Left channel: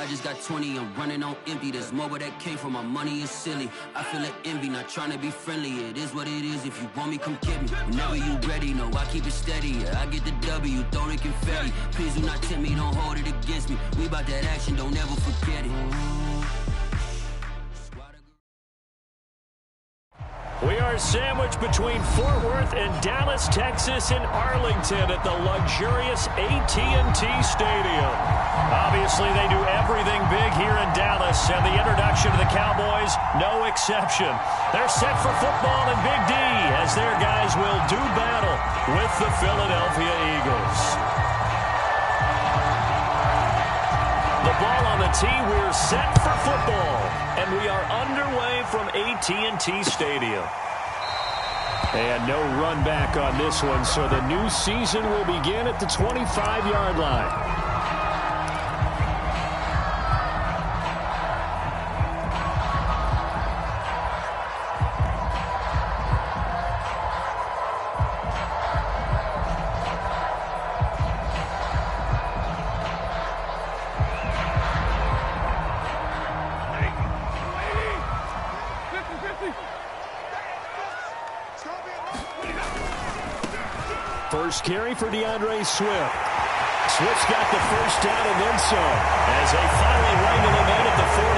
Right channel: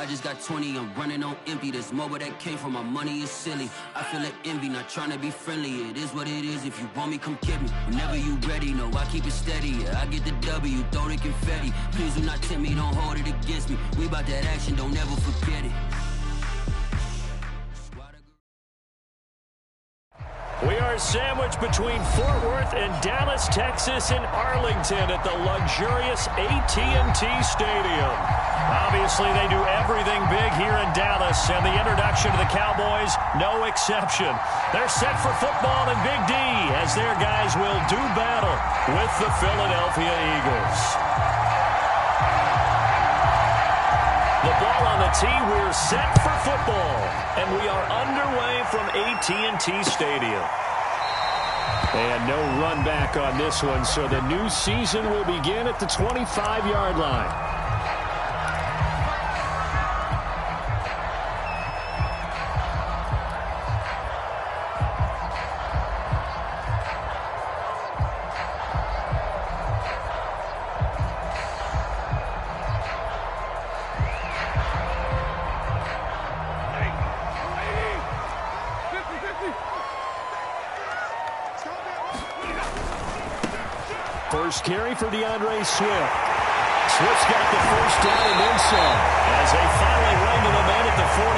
I just got 20, I'm running on empty. This mobile that came from my money is silly. I feel it envy, not trying to be friendly. It is what it is, if you want me, come get me. Whenever you ready, no, I keep it steady. Yeah, I get the W, throw the confetti. Please do not tempt me, don't hold it against me. We about that action, don't ever forget it. We are sandwiched between Fort Worth and Dallas, Texas, and Arlington at the luxurious AT&T Stadium. Obviously, they do everything big here in Dallas, and the introduction to the Cowboys, no exception. They're set for football in Big D as their guys will do battle with the Philadelphia Eagles. The ball on the tee, we're set for football, and we are underway from AT&T Stadium. And no run back on this one, so the new season will begin at the 25-yard line. First carry for DeAndre Swift. Swift's got the first down and then some, as they finally wrangle him in at the 48.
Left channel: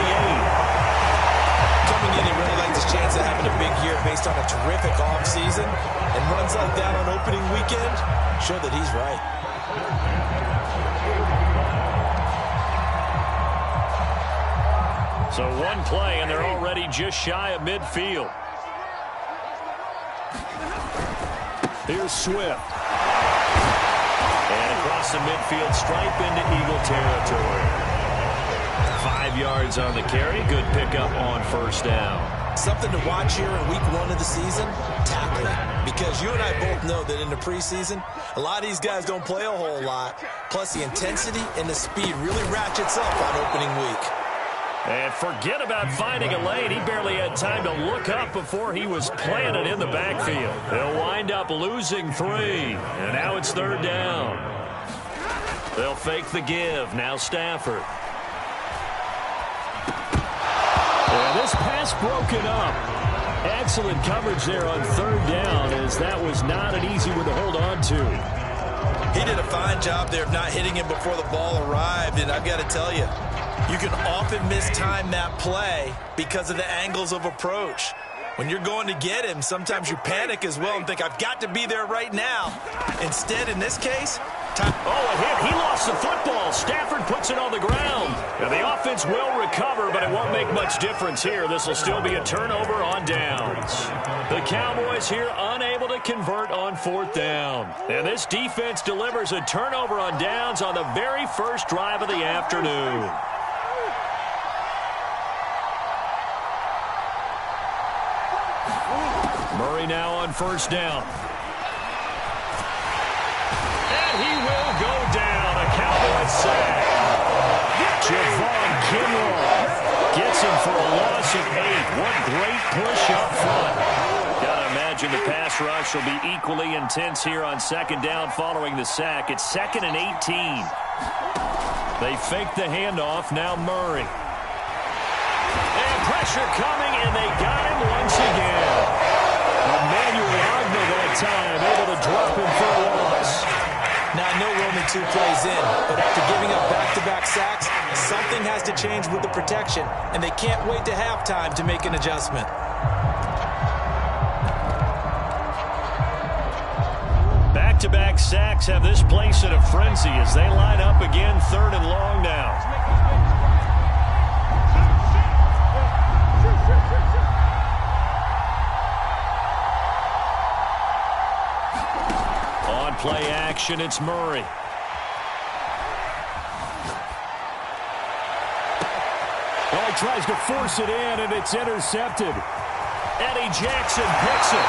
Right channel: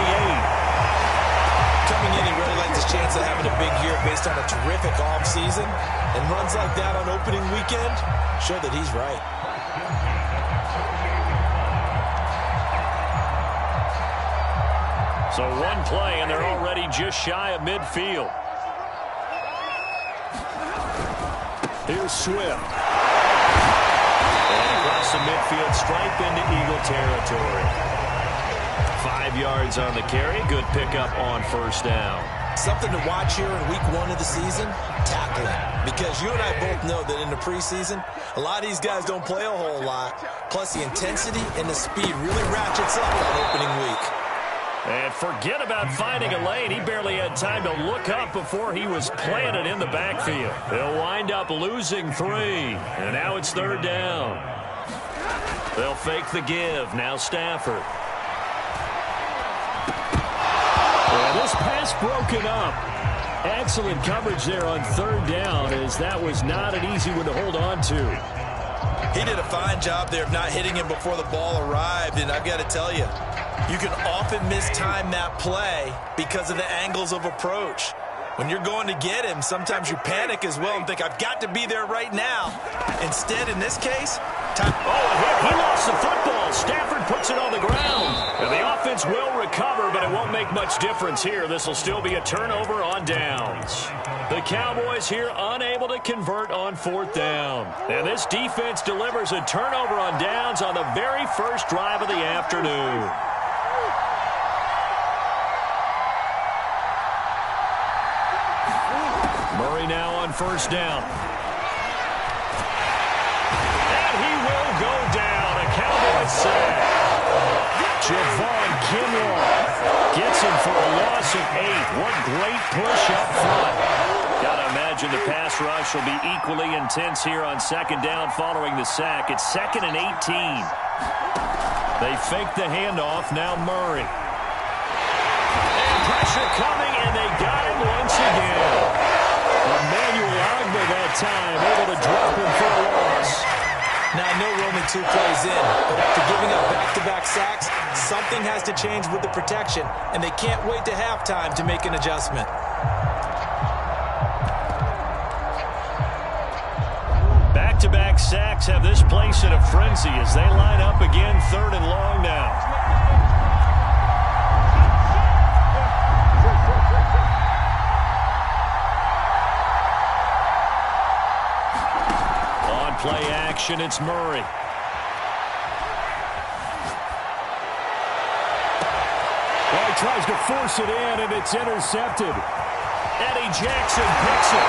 Coming in, he really liked his chance of having a big year based on a terrific offseason. And runs like that on opening weekend show that he's right. So one play, and they're already just shy of midfield. Here's Swift. And across the midfield stripe into Eagle territory. 5 yards on the carry. Good pickup on first down. Something to watch here in week 1 of the season, tackling. Because you and I both know that in the preseason, a lot of these guys don't play a whole lot. Plus the intensity and the speed really ratchets up on opening week. And forget about finding a lane. He barely had time to look up before he was planted in the backfield. They'll wind up losing 3. And now it's third down. They'll fake the give. Now Stafford. And this pass broken up. Excellent coverage there on third down, as that was not an easy one to hold on to. He did a fine job there of not hitting him before the ball arrived. And I've got to tell you, you can often mistime that play because of the angles of approach. When you're going to get him, sometimes you panic as well and think, I've got to be there right now. Instead, in this case, time. Oh, a hit. He lost the football. Stafford puts it on the ground. And the offense will recover, but it won't make much difference here. This will still be a turnover on downs. The Cowboys here unable to convert on fourth down. And this defense delivers a turnover on downs on the very first drive of the afternoon. Murray now on first down. And he will go down. A Cowboys sack. Javon Kinlaw gets him for a loss of 8. What great push up front. Got to imagine the pass rush will be equally intense here on second down following the sack. It's 2nd and 18. They fake the handoff. Now Murray. And pressure coming, and they got him once again. Emmanuel Ogba that time, able to drop him for a loss. Now, I know we're only 2 plays in, but after giving up back-to-back sacks, something has to change with the protection, and they can't wait to halftime to make an adjustment. Back-to-back sacks have this place in a frenzy as they line up again, 3rd and long now. On play action, it's Murray. Oh, he tries to force it in, and it's intercepted. Eddie Jackson picks it.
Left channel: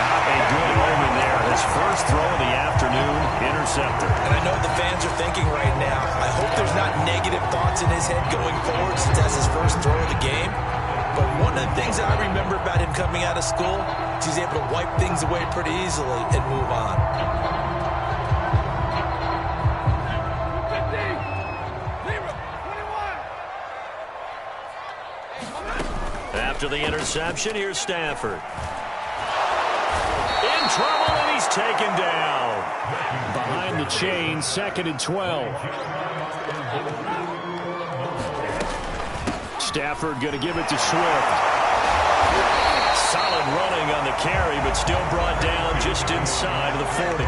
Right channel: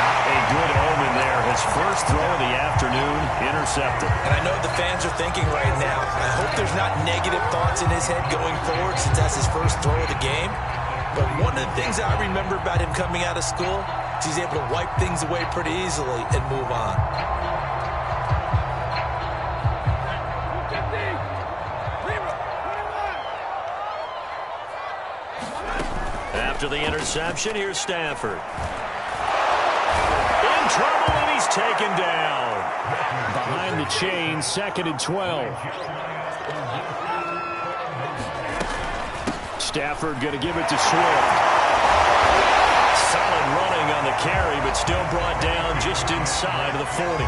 Not a good omen there. His first throw of the afternoon, intercepted. And I know what the fans are thinking right now. I hope there's not negative thoughts in his head going forward since that's his first throw of the game. But one of the things I remember about him coming out of school is he's able to wipe things away pretty easily and move on. After the interception, here's Stafford. In trouble, and he's taken down. Behind the chain, 2nd and 12. Stafford going to give it to Swift. Solid running on the carry, but still brought down just inside of the 40.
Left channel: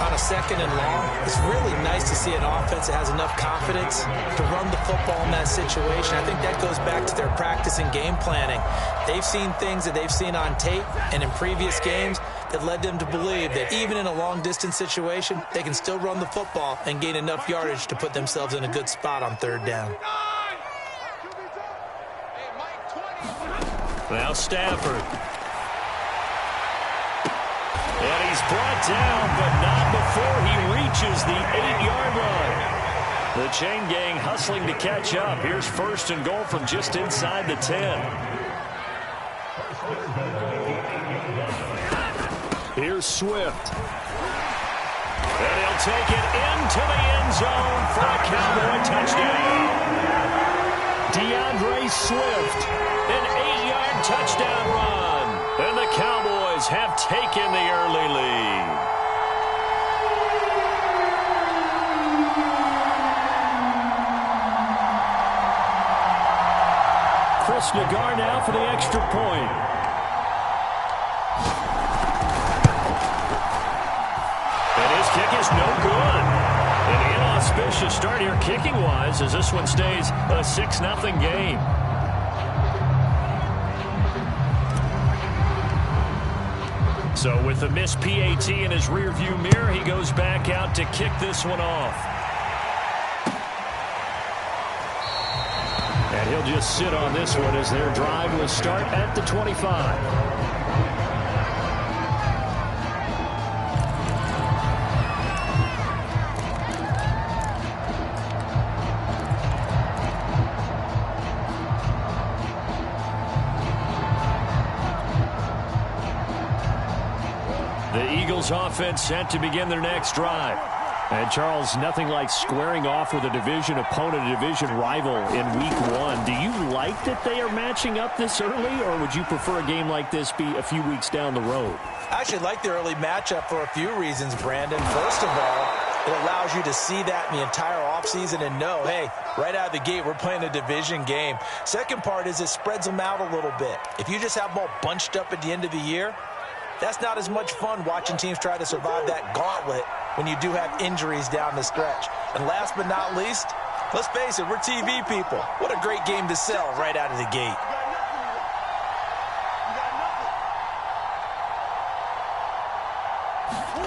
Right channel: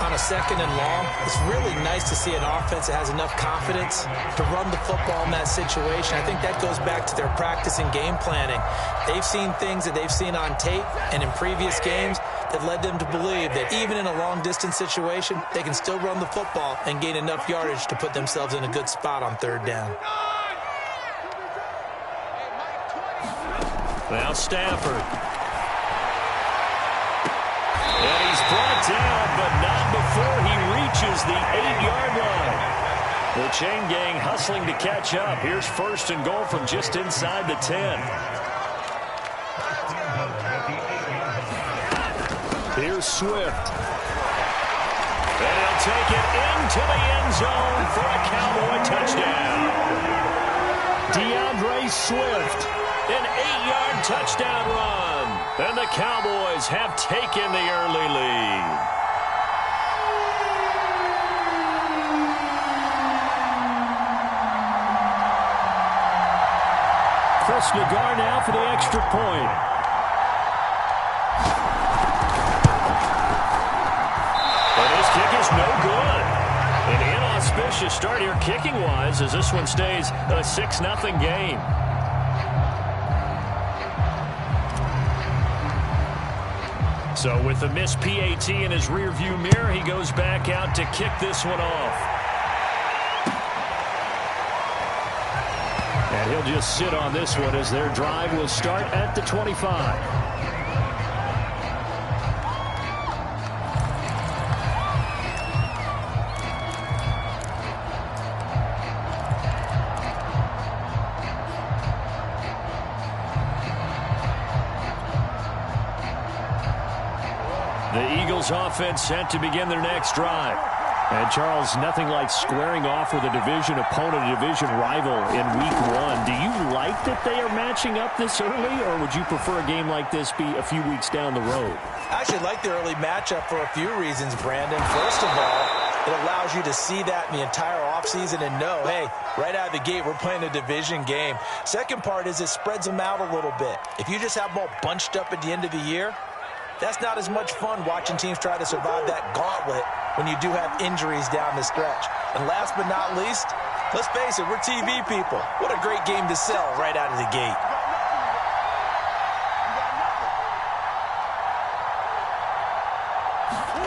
On a 2nd and long, it's really nice to see an offense that has enough confidence to run the football in that situation. I think that goes back to their practice and game planning. They've seen things that they've seen on tape and in previous games that led them to believe that even in a long-distance situation, they can still run the football and gain enough yardage to put themselves in a good spot on 3rd down. Now Stafford. And he's brought down, but not before he reaches the 8-yard line. The chain gang hustling to catch up. Here's 1st and goal from just inside the 10. Here's Swift. And he'll take it into the end zone for a Cowboy touchdown. DeAndre Swift, an 8-yard touchdown run. And the Cowboys have taken the early lead. Chris Nagar now for the extra point. And his kick is no good. An inauspicious start here kicking-wise as this one stays a 6-0 game. So with the missed PAT in his rearview mirror, he goes back out to kick this one off. And he'll just sit on this one as their drive will start at the 25. The Eagles offense set to begin their next drive. And Charles, nothing like squaring off with a division opponent, a division rival in week 1. Do you like that they are matching up this early, or would you prefer a game like this be a few weeks down the road? I actually like the early matchup for a few reasons, Brandon. First of all, it allows you to see that in the entire offseason and know, hey, right out of the gate, we're playing a division game. Second part is it spreads them out a little bit. If you just have them all bunched up at the end of the year, that's not as much fun watching teams try to survive that gauntlet when you do have injuries down the stretch. And last but not least, let's face it, we're TV people. What a great game to sell right out of the gate.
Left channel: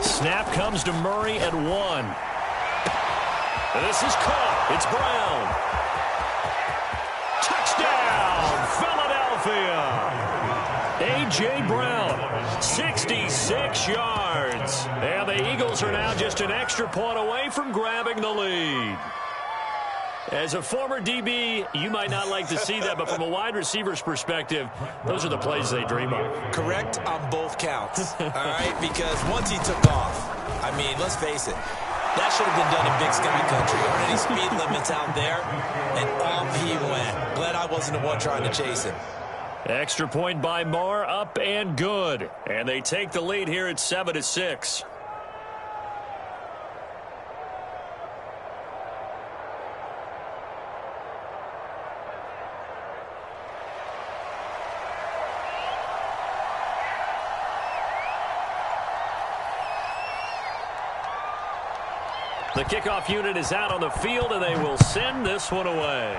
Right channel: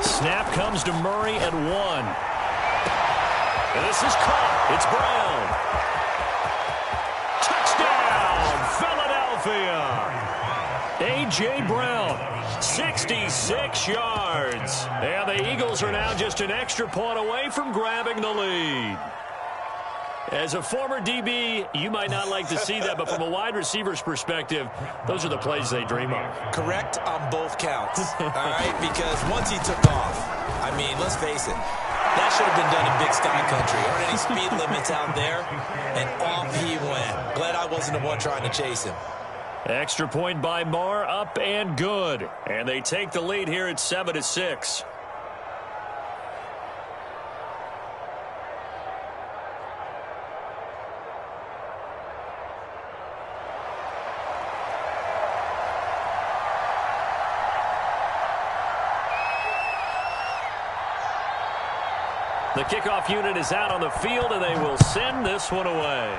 Snap comes to Murray at 1. And this is caught. It's Brown. Touchdown, Philadelphia. A.J. Brown, 66 yards. And the Eagles are now just an extra point away from grabbing the lead. As a former DB, you might not like to see that, but from a wide receiver's perspective, those are the plays they dream of. Correct on both counts, all right? Because once he took off, I mean, let's face it, that should have been done in Big Sky Country. Aren't any speed limits out there? And off he went. Glad I wasn't the one trying to chase him. Extra point by Marr, up and good. And they take the lead here at 7-6. The kickoff unit is out on the field, and they will send this one away.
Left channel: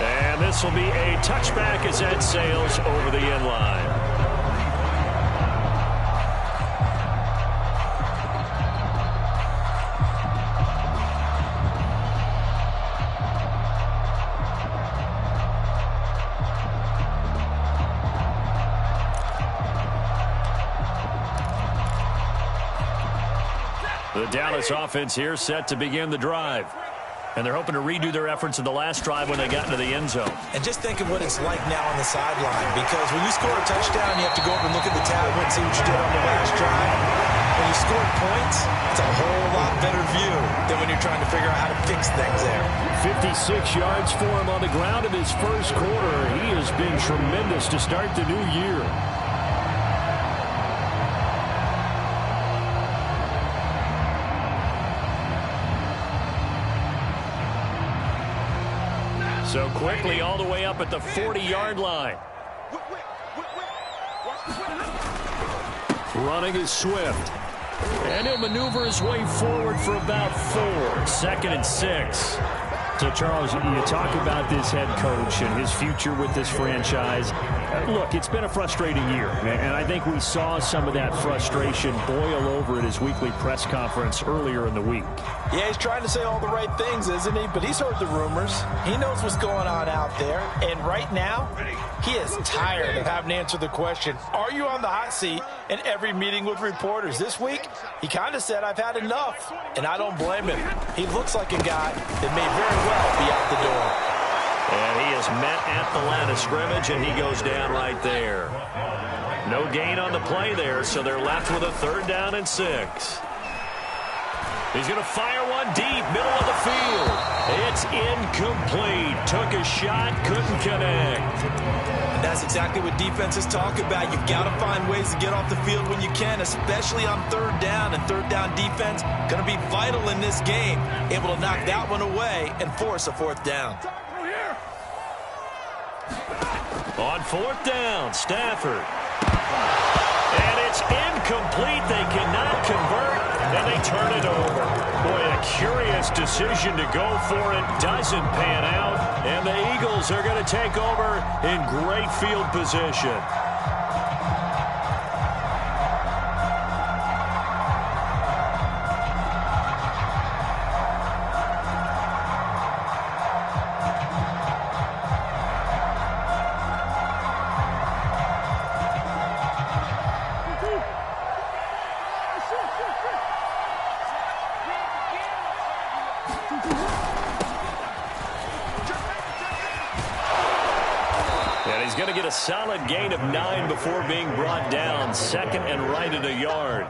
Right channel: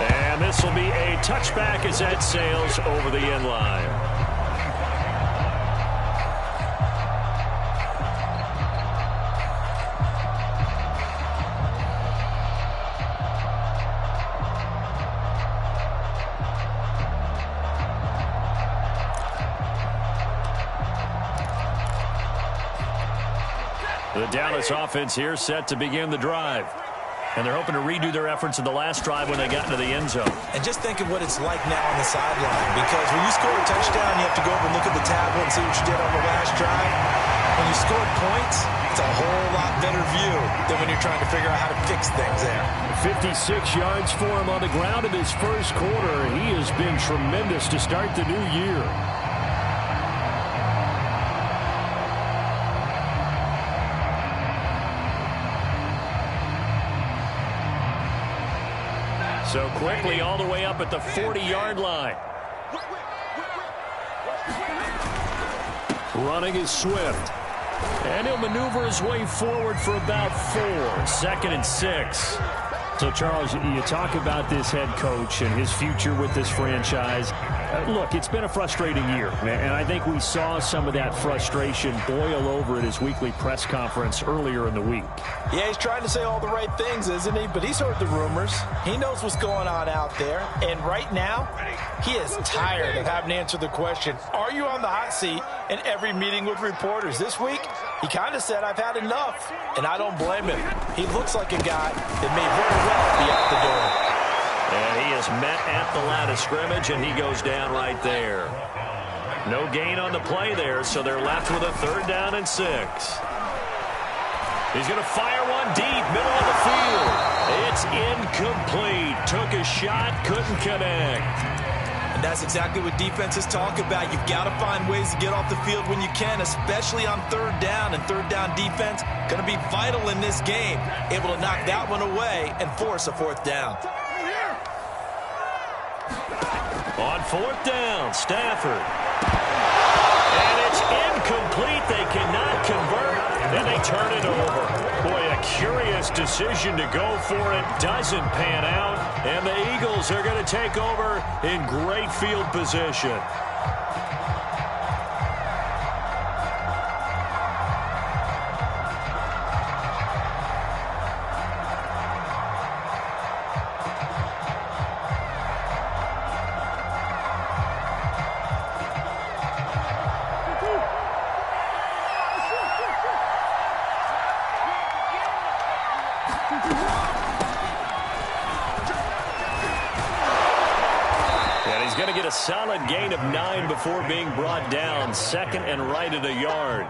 And this will be a touchback as that sails over the end line. The Dallas offense here set to begin the drive. And they're hoping to redo their efforts in the last drive when they got into the end zone. And just think of what it's like now on the sideline, because when you score a touchdown, you have to go over and look at the tablet and see what you did on the last drive. When you scored points, It's a whole lot better view than when you're trying to figure out how to fix things there. 56 yards for him on the ground in his first quarter. He has been tremendous to start the new year. So quickly all the way up at the 40-yard line. Running is Swift. And he'll maneuver his way forward for about 4. 2nd and 6. So, Charles, you talk about this head coach and his future with this franchise. Look, it's been a frustrating year, and I think we saw some of that frustration boil over at his weekly press conference earlier in the week. Yeah, he's trying to say all the right things, isn't he? But he's heard the rumors. He knows what's going on out there. And right now, he is tired of having to answer the question, are you on the hot seat, in every meeting with reporters. This week, he kind of said, I've had enough. And I don't blame him. He looks like a guy that may very well be out the door. And he is met at the line of scrimmage, and he goes down right there. No gain on the play there, so they're left with a 3rd down and 6. He's going to fire one deep, middle of the field. It's incomplete. Took a shot, couldn't connect. And that's exactly what defenses talk about. You've got to find ways to get off the field when you can, especially on 3rd down. And 3rd down defense going to be vital in this game. Able to knock that one away and force a 4th down. On 4th down, Stafford. And it's incomplete. They cannot convert, and they turn it over. Boy, a curious decision to go for it. Doesn't pan out, and the Eagles are going to take over in great field position. And he's going to get a solid gain of 9 before being brought down. 2nd and right at a yard.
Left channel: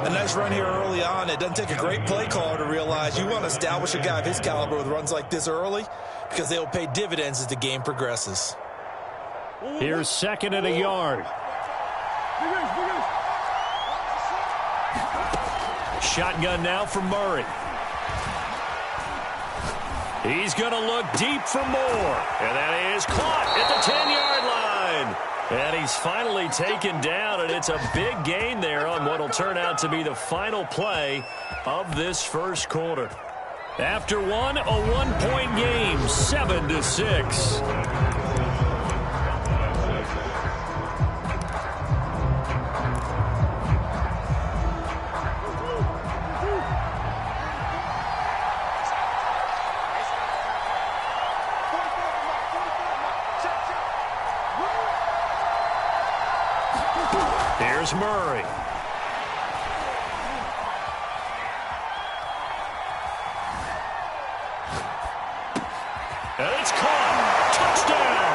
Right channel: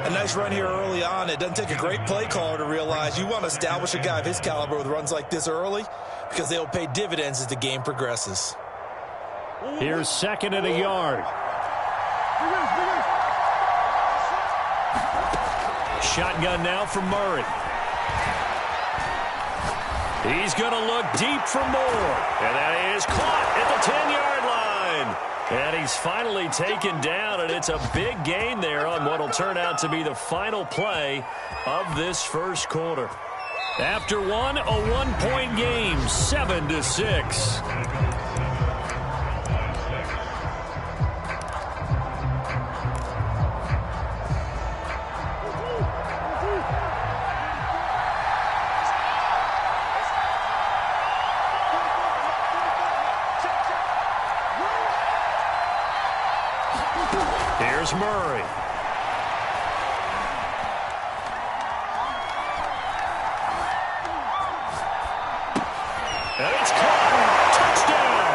A nice run here early on. It doesn't take a great play caller to realize you want to establish a guy of his caliber with runs like this early because they'll pay dividends as the game progresses. Here's 2nd and a yard. Shotgun now for Murray. He's going to look deep for more. And that is caught at the 10-yard line. And he's finally taken down, and it's a big gain there on what will turn out to be the final play of this first quarter. After one, a 1-point game, 7-6. Here's Murray. And it's caught. Touchdown.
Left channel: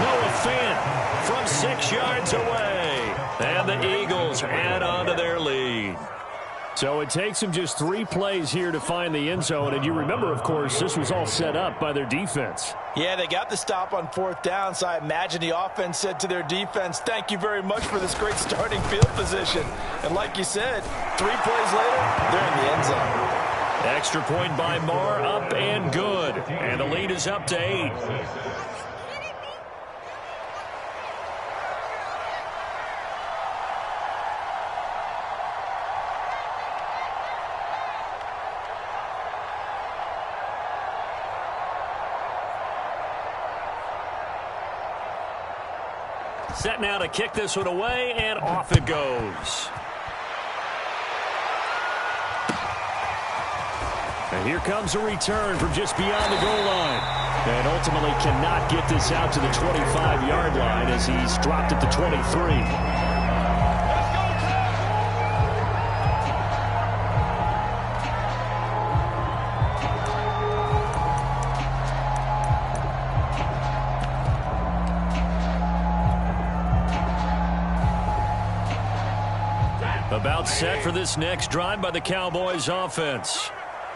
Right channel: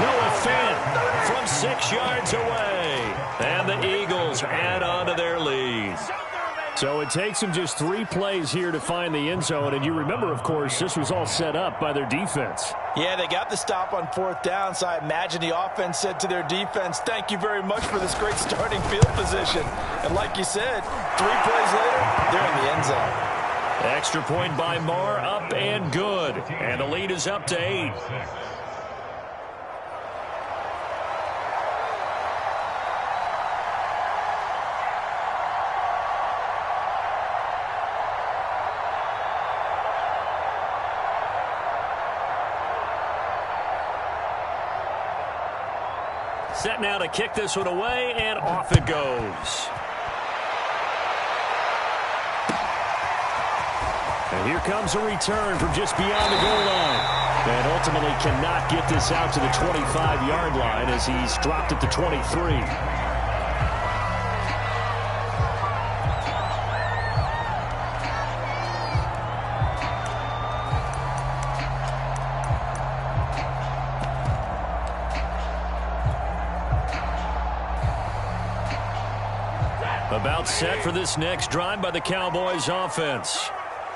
Noah Fant from 6 yards away. And the Eagles add on to their lead. So it takes them just 3 plays here to find the end zone. And you remember, of course, this was all set up by their defense. Yeah, they got the stop on 4th down, so I imagine the offense said to their defense, thank you very much for this great starting field position. And like you said, 3 plays later, they're in the end zone. Extra point by Marr, up and good. And the lead is up to 8. Set now to kick this one away, and off it goes. And here comes a return from just beyond the goal line. And ultimately cannot get this out to the 25-yard line as he's dropped at the 23. A About set for this next drive by the Cowboys offense.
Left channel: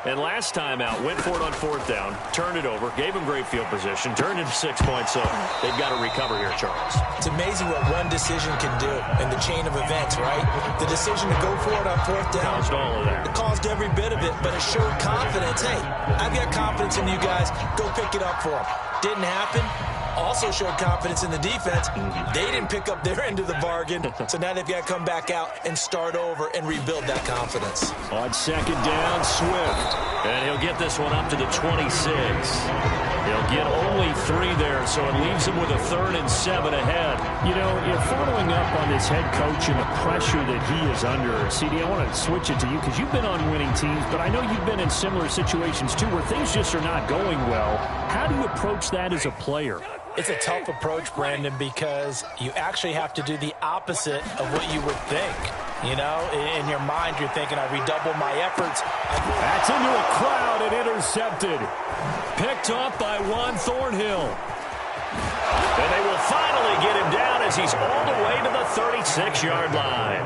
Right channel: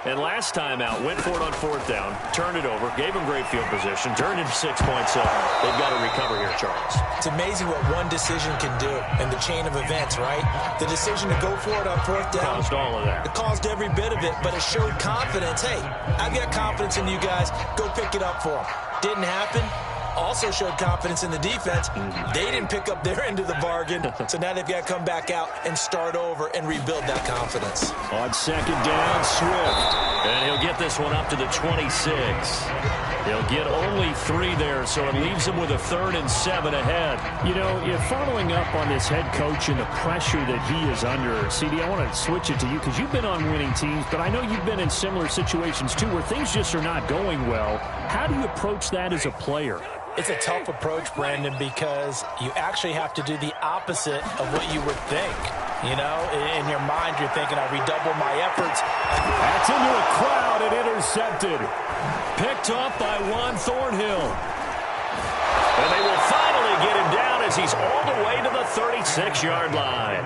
And last time out, went for it on 4th down, turned it over, gave them great field position, turned into 6 points, so they've got to recover here, Charles. It's amazing what one decision can do in the chain of events, right? The decision to go for it on 4th down. Caused all of that. It caused every bit of it, but it showed confidence. Hey, I've got confidence in you guys. Go pick it up for them. Didn't happen. Also showed confidence in the defense. They didn't pick up their end of the bargain, so now they've got to come back out and start over and rebuild that confidence. On 2nd down, Swift. And he'll get this one up to the 26. He'll get only 3 there, so it leaves him with a 3rd and 7 ahead. You know, you're following up on this head coach and the pressure that he is under. CD, I want to switch it to you because you've been on winning teams, but I know you've been in similar situations too where things just are not going well. How do you approach that as a player? It's a tough approach, Brandon, because you actually have to do the opposite of what you would think. You know, in your mind, you're thinking, I redouble my efforts. That's into a crowd and intercepted. Picked up by Juan Thornhill. And they will finally get him down as he's all the way to the 36-yard line.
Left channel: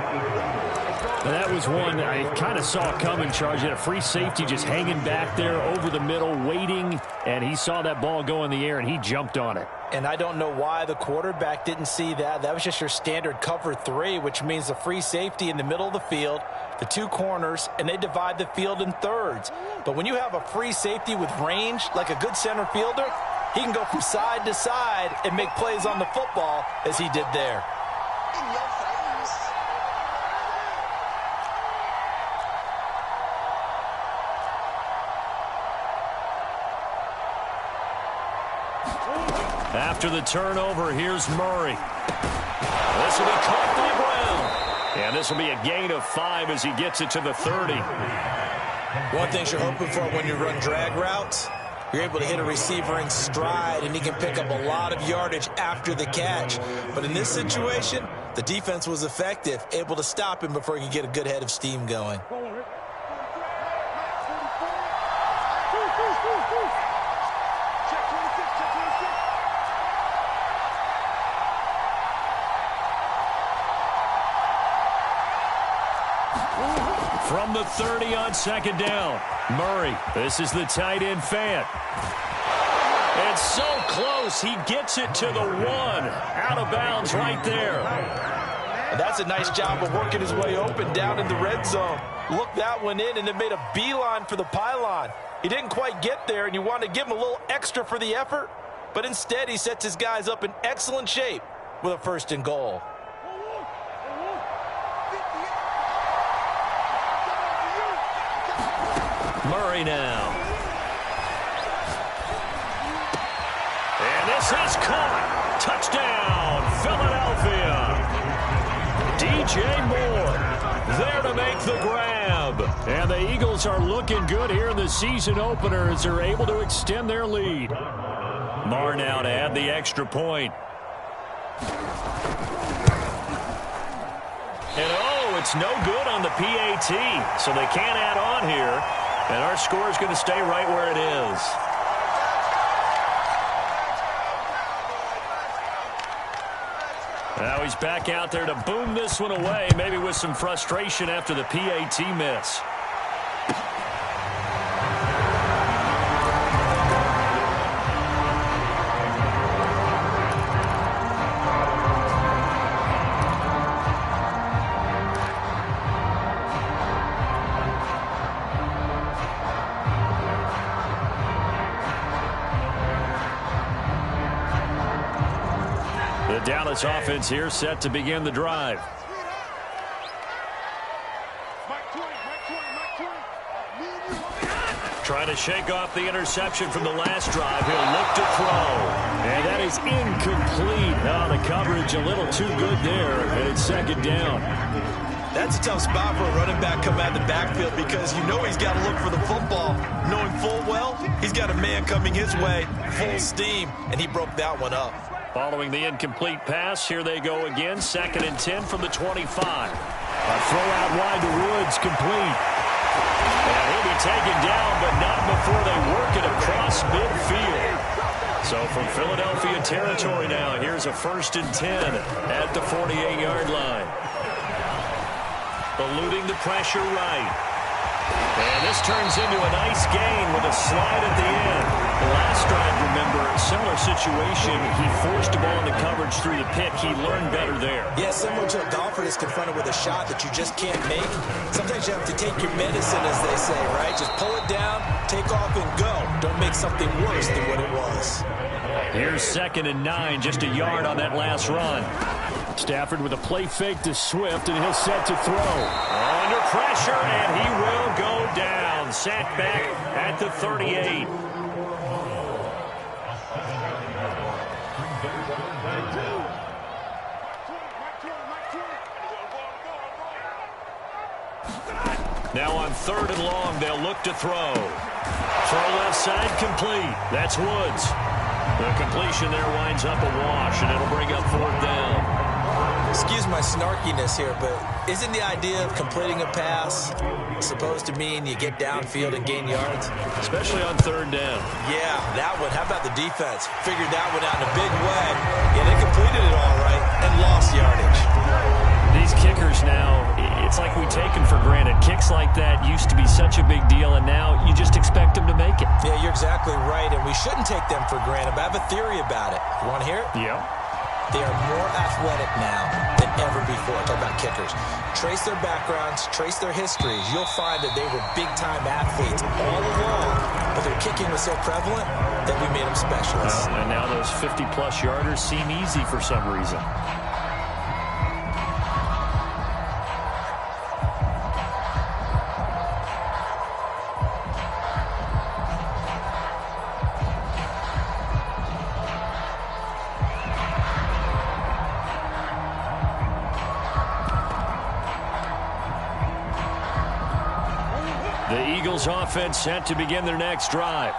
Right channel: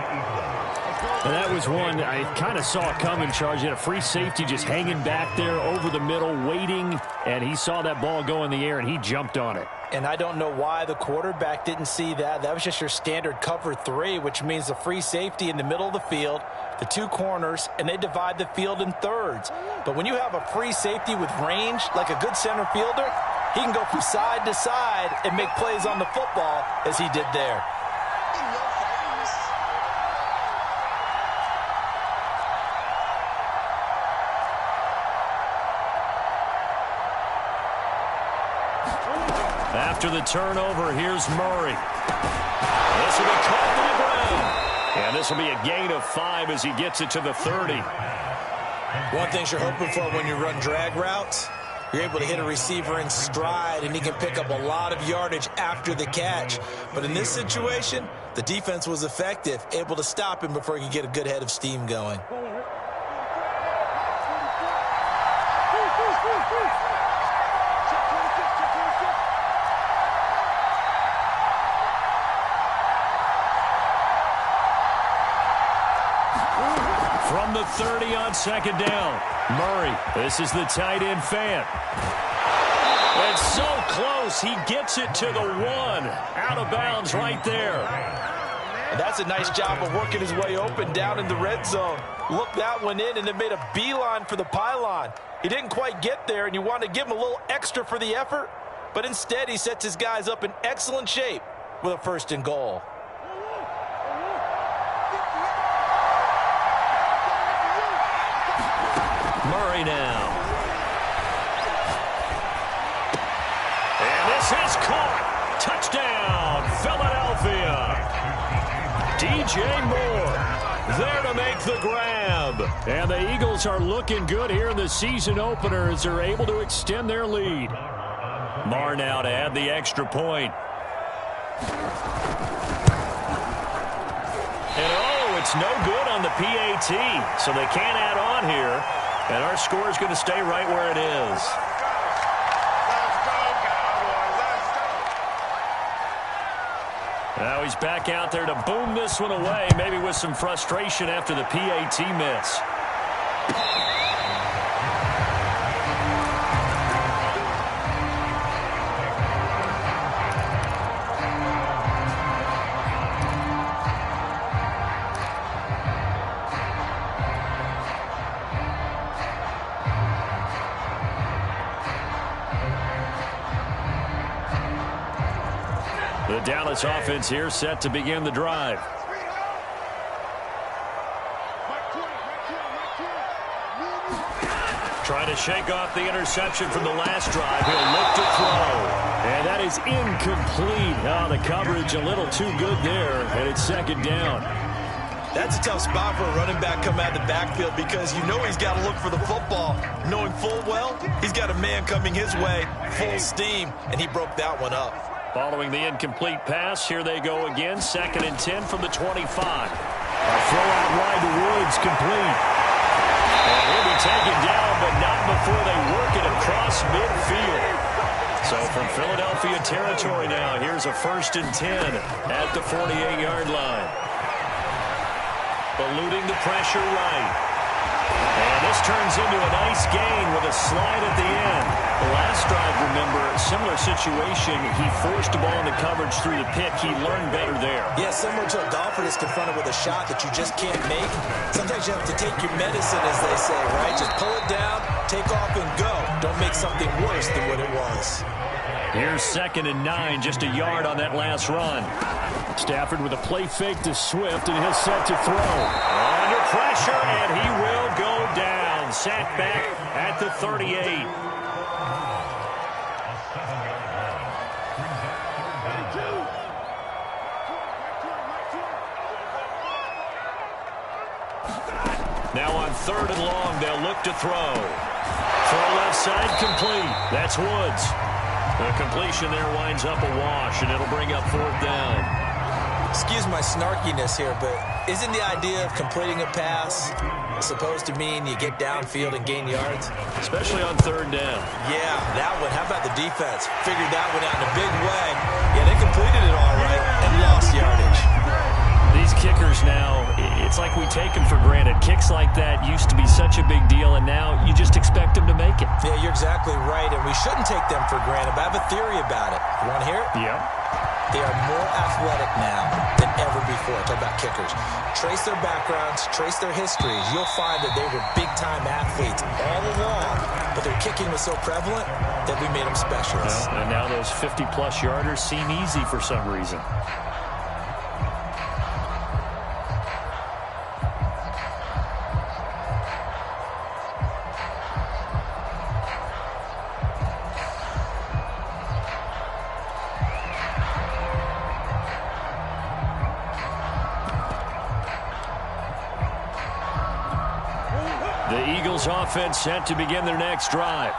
And that was one I kind of saw coming, Charge. He had a free safety just hanging back there over the middle, waiting, and he saw that ball go in the air, and he jumped on it. And I don't know why the quarterback didn't see that. That was just your standard cover 3, which means the free safety in the middle of the field, the 2 corners, and they divide the field in thirds. But when you have a free safety with range, like a good center fielder, he can go from side to side and make plays on the football as he did there. After the turnover, here's Murray. This will be caught by Brown. And this will be a gain of 5 as he gets it to the 30. One thing you're hoping for when you run drag routes, you're able to hit a receiver in stride, and he can pick up a lot of yardage after the catch. But in this situation, the defense was effective, able to stop him before he could get a good head of steam going. From the 30 on 2nd down, Murray. This is the tight end Fant. And so close, he gets it to the 1. Out of bounds right there. And that's a nice job of working his way open down in the red zone. Looked that one in and then made a beeline for the pylon. He didn't quite get there, and you want to give him a little extra for the effort, but instead he sets his guys up in excellent shape with a 1st and goal. Murray now. And this is caught. Touchdown, Philadelphia. DJ Moore there to make the grab. And the Eagles are looking good here in the season opener as they're able to extend their lead. Moore now to add the extra point. And oh, it's no good on the PAT, so they can't add on here. And our score is going to stay right where it is. Now he's back out there to boom this one away, maybe with some frustration after the PAT miss. The Dallas offense here set to begin the drive. Trying to shake off the interception from the last drive. He'll look to throw. And that is incomplete. Oh, the coverage a little too good there, and it's 2nd down. That's a tough spot for a running back coming out of the backfield because you know he's got to look for the football, knowing full well he's got a man coming his way, full steam, and he broke that one up. Following the incomplete pass, here they go again. 2nd and 10 from the 25. A throw out wide to Woods, complete. And he'll be taken down, but not before they work it across midfield. So from Philadelphia territory now, here's a 1st and 10 at the 48-yard line. eluding the pressure right. And this turns into a nice gain with a slide at the end. The last drive, remember, similar situation. He forced the ball into coverage through the pick. He learned better there. Yeah, similar to a golfer that's confronted with a shot that you just can't make. Sometimes you have to take your medicine, as they say, right? Just pull it down, take off, and go. Don't make something worse than what it was. Here's 2nd and 9, just a yard on that last run. Stafford with a play fake to Swift, and he'll set to throw. Under pressure, and he will go down. Sacked back at the 38. Now on 3rd and long, they'll look to throw. Throw left side, complete. That's Woods. The completion there winds up a wash, and it'll bring up 4th down. Excuse my snarkiness here, but isn't the idea of completing a pass supposed to mean you get downfield and gain yards? Especially on 3rd down. Yeah, that one. How about the defense? Figured that one out in a big way. Yeah, they completed it all right and lost yardage. These kickers now, it's like we take them for granted. Kicks like that used to be such a big deal, and now you just expect them to make it. Yeah, you're exactly right, and we shouldn't take them for granted, but I have a theory about it. You want to hear it? Yeah. They are more athletic now than ever before. Talk about kickers. Trace their backgrounds, trace their histories. You'll find that they were big-time athletes all along, but their kicking was so prevalent that we made them specialists. Well, and now those 50-plus yarders seem easy for some reason. The Eagles offense set to begin their next drive.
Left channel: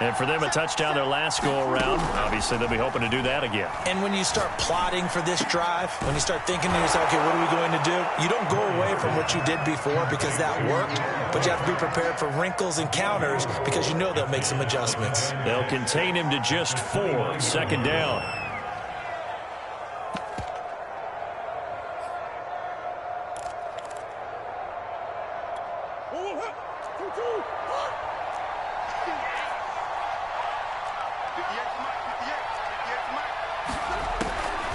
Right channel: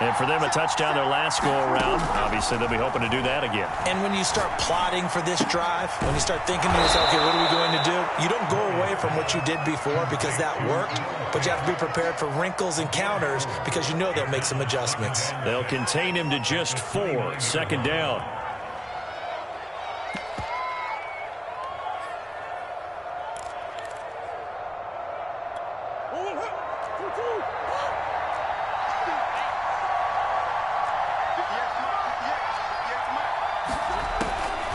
And for them, a touchdown their last go-around. Obviously, they'll be hoping to do that again. And when you start plotting for this drive, when you start thinking to yourself, okay, what are we going to do? You don't go away from what you did before because that worked, but you have to be prepared for wrinkles and counters because you know they'll make some adjustments. They'll contain him to just 4. 2nd down.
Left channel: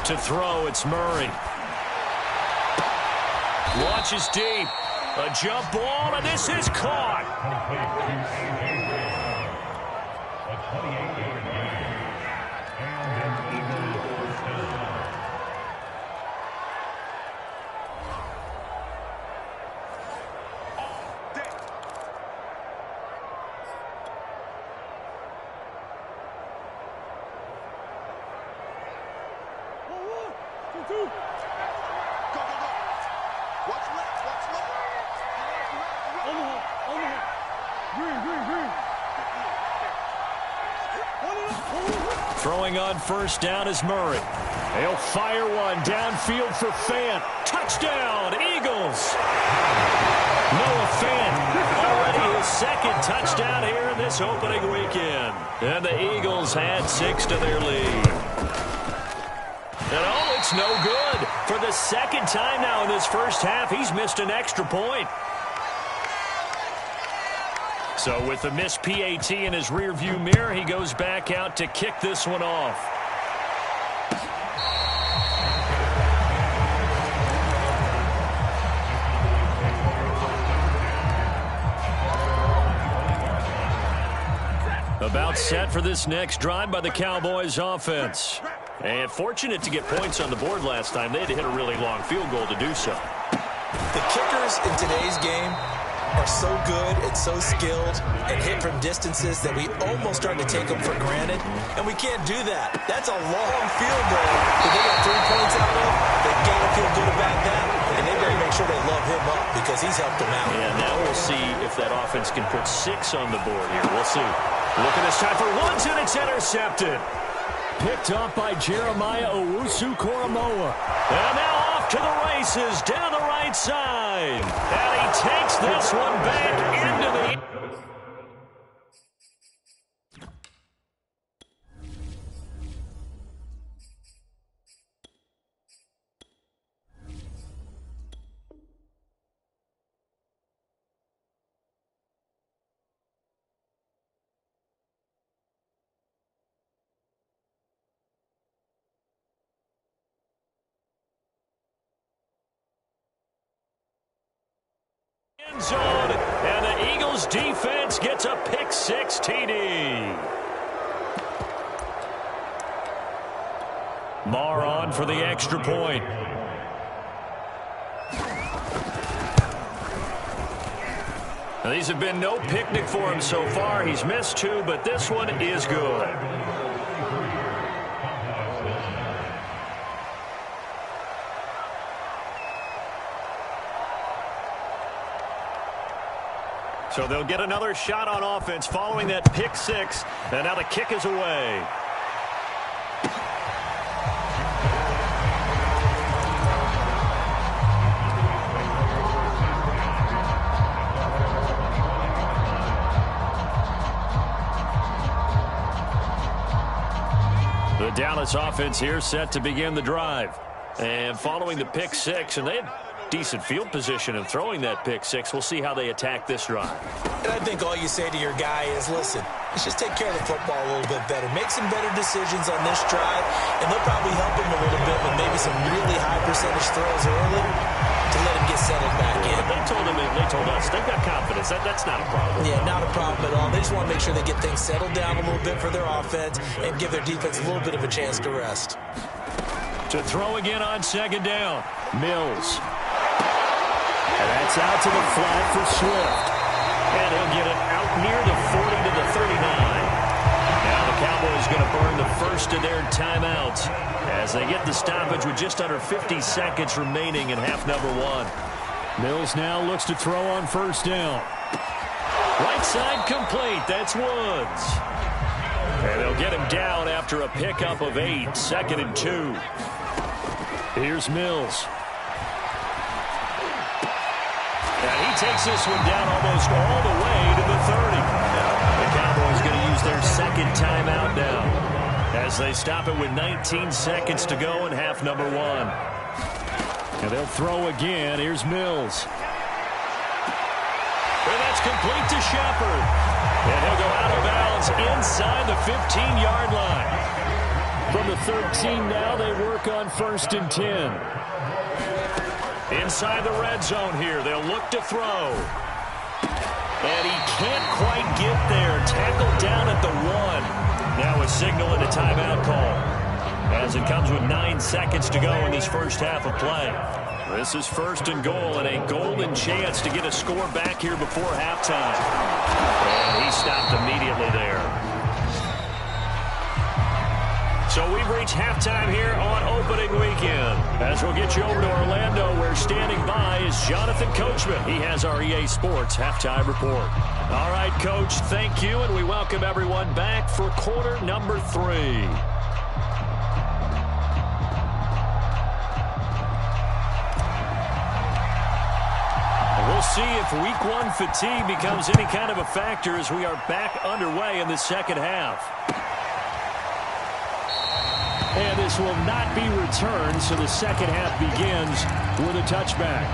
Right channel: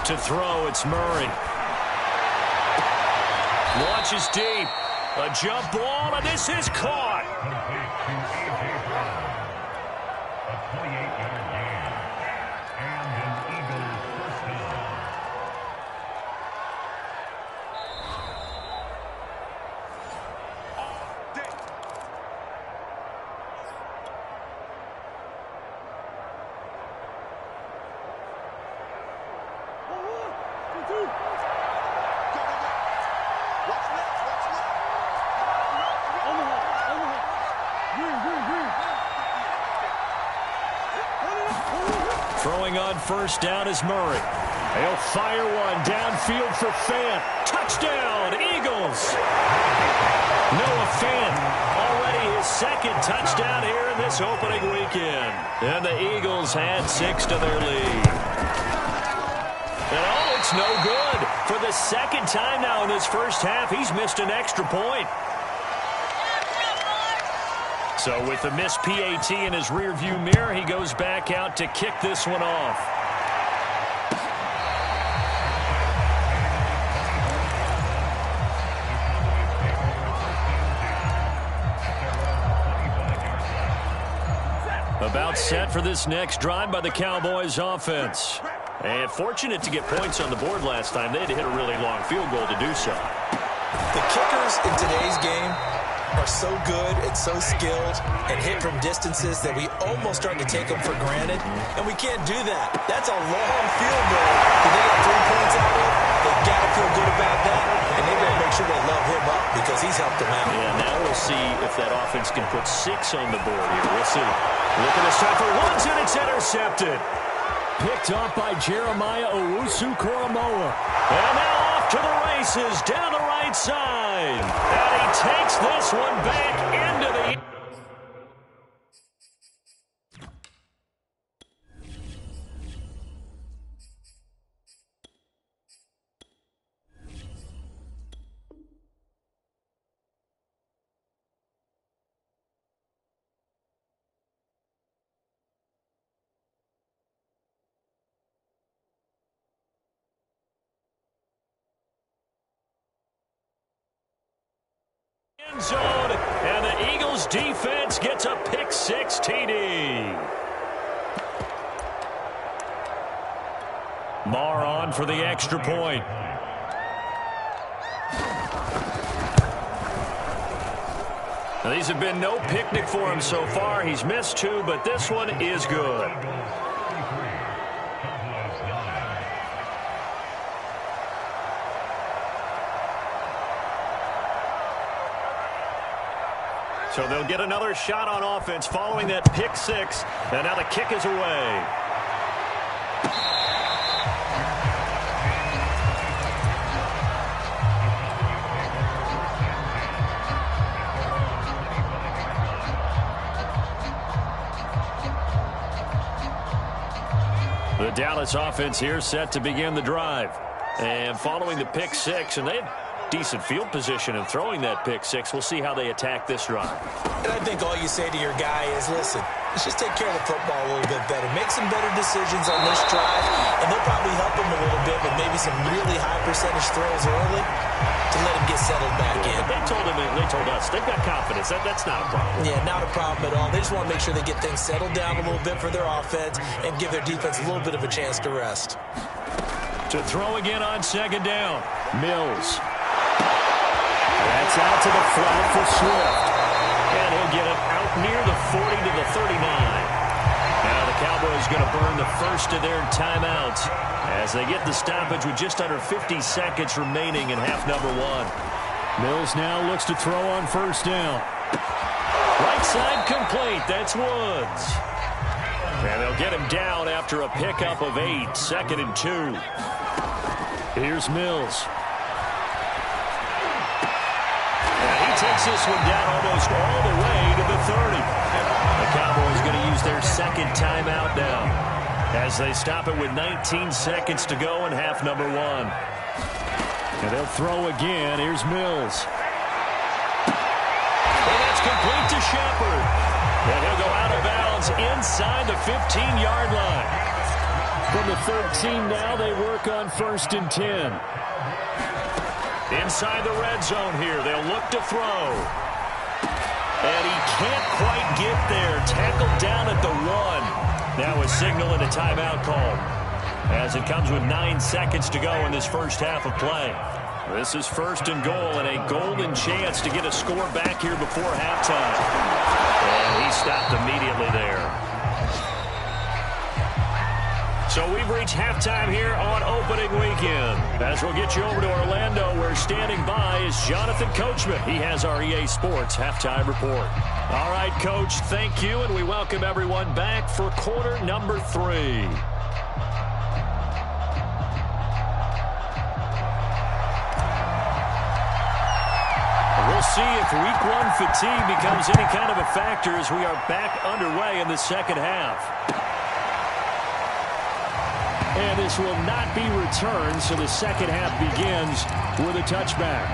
To throw, it's Murray. Launches deep. A jump ball, and this is caught. A 28-yard gain. And an Eagles first down. Throwing on 1st down is Murray. He'll fire one downfield for Fant. Touchdown, Eagles. Noah Fant, already his 2nd touchdown here in this opening weekend. And the Eagles add 6 to their lead. And oh, it's no good. For the 2nd time now in this first half, he's missed an extra point. So with the missed PAT in his rearview mirror, he goes back out to kick this one off. About set for this next drive by the Cowboys offense. And fortunate to get points on the board last time. They had to hit a really long field goal to do so. The kickers in today's game are so good and so skilled and hit from distances that we almost start to take them for granted, and we can't do that. That's a long field goal that they got 3 points out of. They got to feel good about that, and they better make sure they love him up because he's helped them out. Yeah, now we'll see if that offense can put 6 on the board here. We'll see. Look at this time for Woods, and it's intercepted. Picked up by Jeremiah Owusu-Koramoah. And now off to the races, down the right side. And he takes this one back into the... end zone, and the Eagles defense gets a pick-6 TD. Marr on for the extra point. Now, these have been no picnic for him so far. He's missed 2, but this one is good. So they'll get another shot on offense following that pick-6, and now the kick is away. The Dallas offense here set to begin the drive. And following the pick-6, and they had decent field position in throwing that pick-6. We'll see how they attack this drive. And I think all you say to your guy is, listen, let's just take care of the football a little bit better. Make some better decisions on this drive, and they'll probably help him a little bit with maybe some really high percentage throws early to let him get settled back in. But they told us, they've got confidence. That's not a problem. Yeah, not a problem at all. They just want to make sure they get things settled down a little bit for their offense and give their defense a little bit of a chance to rest. To throw again on second down. Mills. And that's out to the flat for Swift. And he'll get it out near the 40 to the 39. Now the Cowboys going to burn the first of their timeouts as they get the stoppage with just under 50 seconds remaining in half number 1. Mills now looks to throw on first down. Right side complete. That's Woods. And they'll get him down after a pickup of 8. 2nd and 2. Here's Mills. And he takes this one down almost all the way to the 30. The Cowboys going to use their second timeout now as they stop it with 19 seconds to go in half number 1. And they'll throw again. Here's Mills. And that's complete to Shepard. And he'll go out of bounds inside the 15-yard line. From the 13 now, they work on 1st and 10. Inside the red zone here, they'll look to throw. And he can't quite get there. Tackled down at the 1. Now a signal and a timeout call as it comes with 9 seconds to go in this first half of play. This is 1st and goal and a golden chance to get a score back here before halftime. And he stopped immediately there. So we've reached halftime here on opening weekend. As we'll get you over to Orlando, where standing by is Jonathan Coachman. He has our EA Sports halftime report. All right, Coach, thank you, and we welcome everyone back for quarter number 3. We'll see if week 1 fatigue becomes any kind of a factor as we are back underway in the second half. And this will not be returned, so the second half begins with a touchback.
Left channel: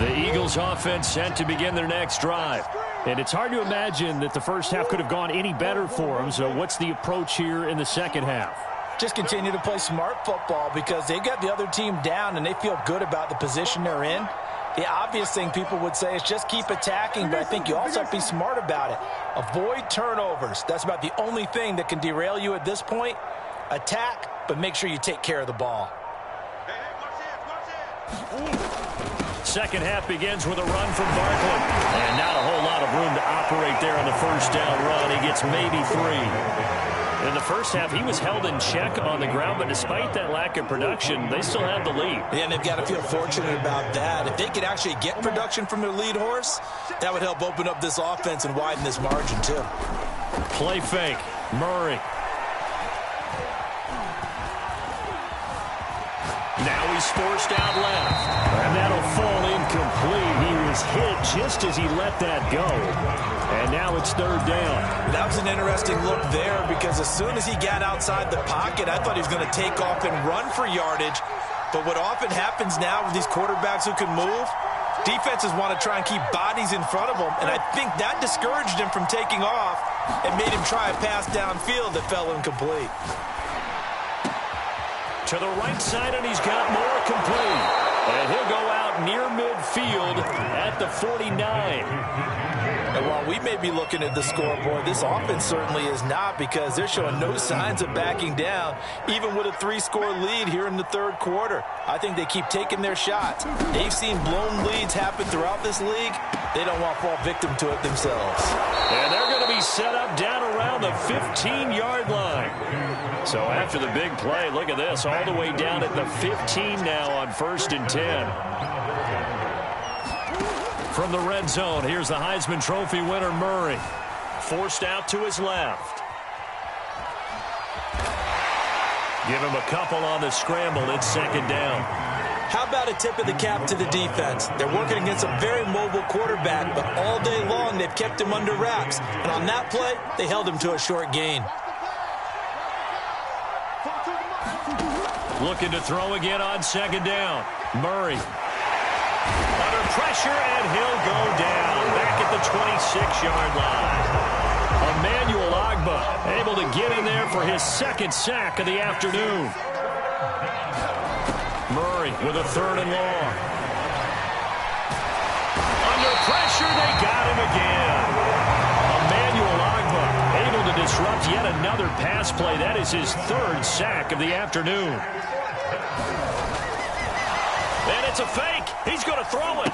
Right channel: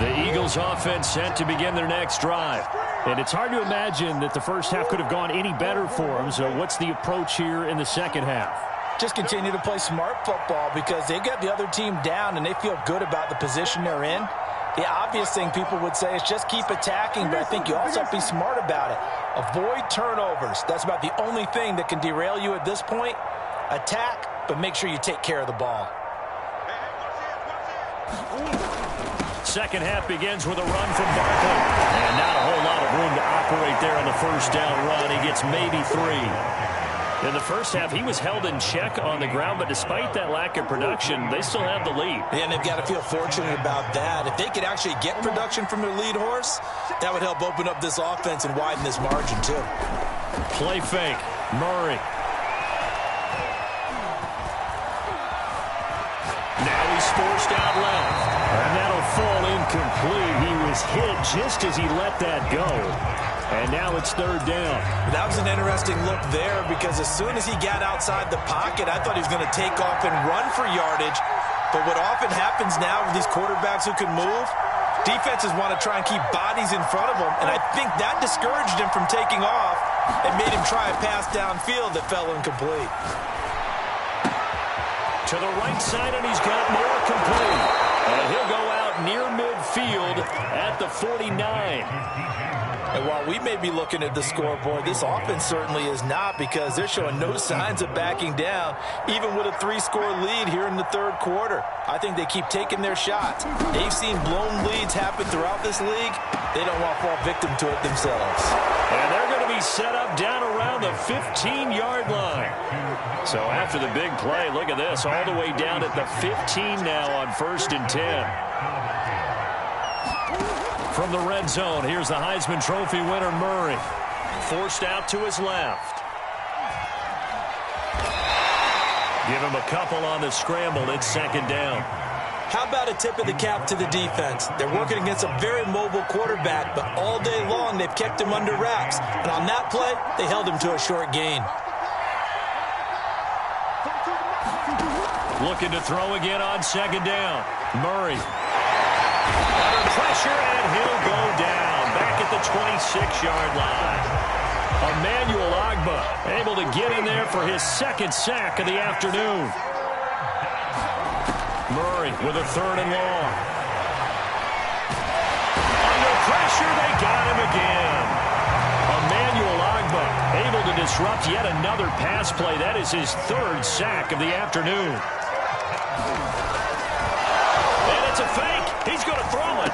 The Eagles offense set to begin their next drive. And it's hard to imagine that the first half could have gone any better for them. So what's the approach here in the second half? Just continue to play smart football because they got the other team down and they feel good about the position they're in. The obvious thing people would say is just keep attacking, but I think you also have to be smart about it. Avoid turnovers. That's about the only thing that can derail you at this point. Attack, but make sure you take care of the ball. Second half begins with a run from Barkley. And not a whole lot of room to operate there on the first down run. He gets maybe 3. In the first half, he was held in check on the ground, but despite that lack of production, they still have the lead. Yeah, and they've got to feel fortunate about that. If they could actually get production from their lead horse, that would help open up this offense and widen this margin, too. Play fake. Murray. Now he's forced out left. And that'll fall incomplete. He was hit just as he let that go. And now it's 3rd down. That was an interesting look there because as soon as he got outside the pocket, I thought he was going to take off and run for yardage. But what often happens now with these quarterbacks who can move, defenses want to try and keep bodies in front of them. And I think that discouraged him from taking off and made him try a pass downfield that fell incomplete. To the right side, and he's got more complete. And he'll go out near midfield at the 49. And while we may be looking at the scoreboard, this offense certainly is not, because they're showing no signs of backing down, even with a 3-score lead here in the third quarter. I think they keep taking their shots. They've seen blown leads happen throughout this league. They don't want to fall victim to it themselves. And they're going to be set up down around the 15-yard line. So after the big play, look at this, all the way down at the 15 now on 1st and 10. From the red zone, here's the Heisman Trophy winner, Murray. Forced out to his left. Give him a couple on the scramble. It's 2nd down. How about a tip of the cap to the defense? They're working against a very mobile quarterback, but all day long they've kept him under wraps. And on that play, they held him to a short gain. Looking to throw again on 2nd down. Murray. Under pressure, and he'll go down. Back at the 26-yard line. Emmanuel Ogbah able to get in there for his 2nd sack of the afternoon. Murray with a 3rd and long. Under pressure, they got him again. Emmanuel Ogbah able to disrupt yet another pass play. That is his 3rd sack of the afternoon. And it's a fake. He's going to throw it.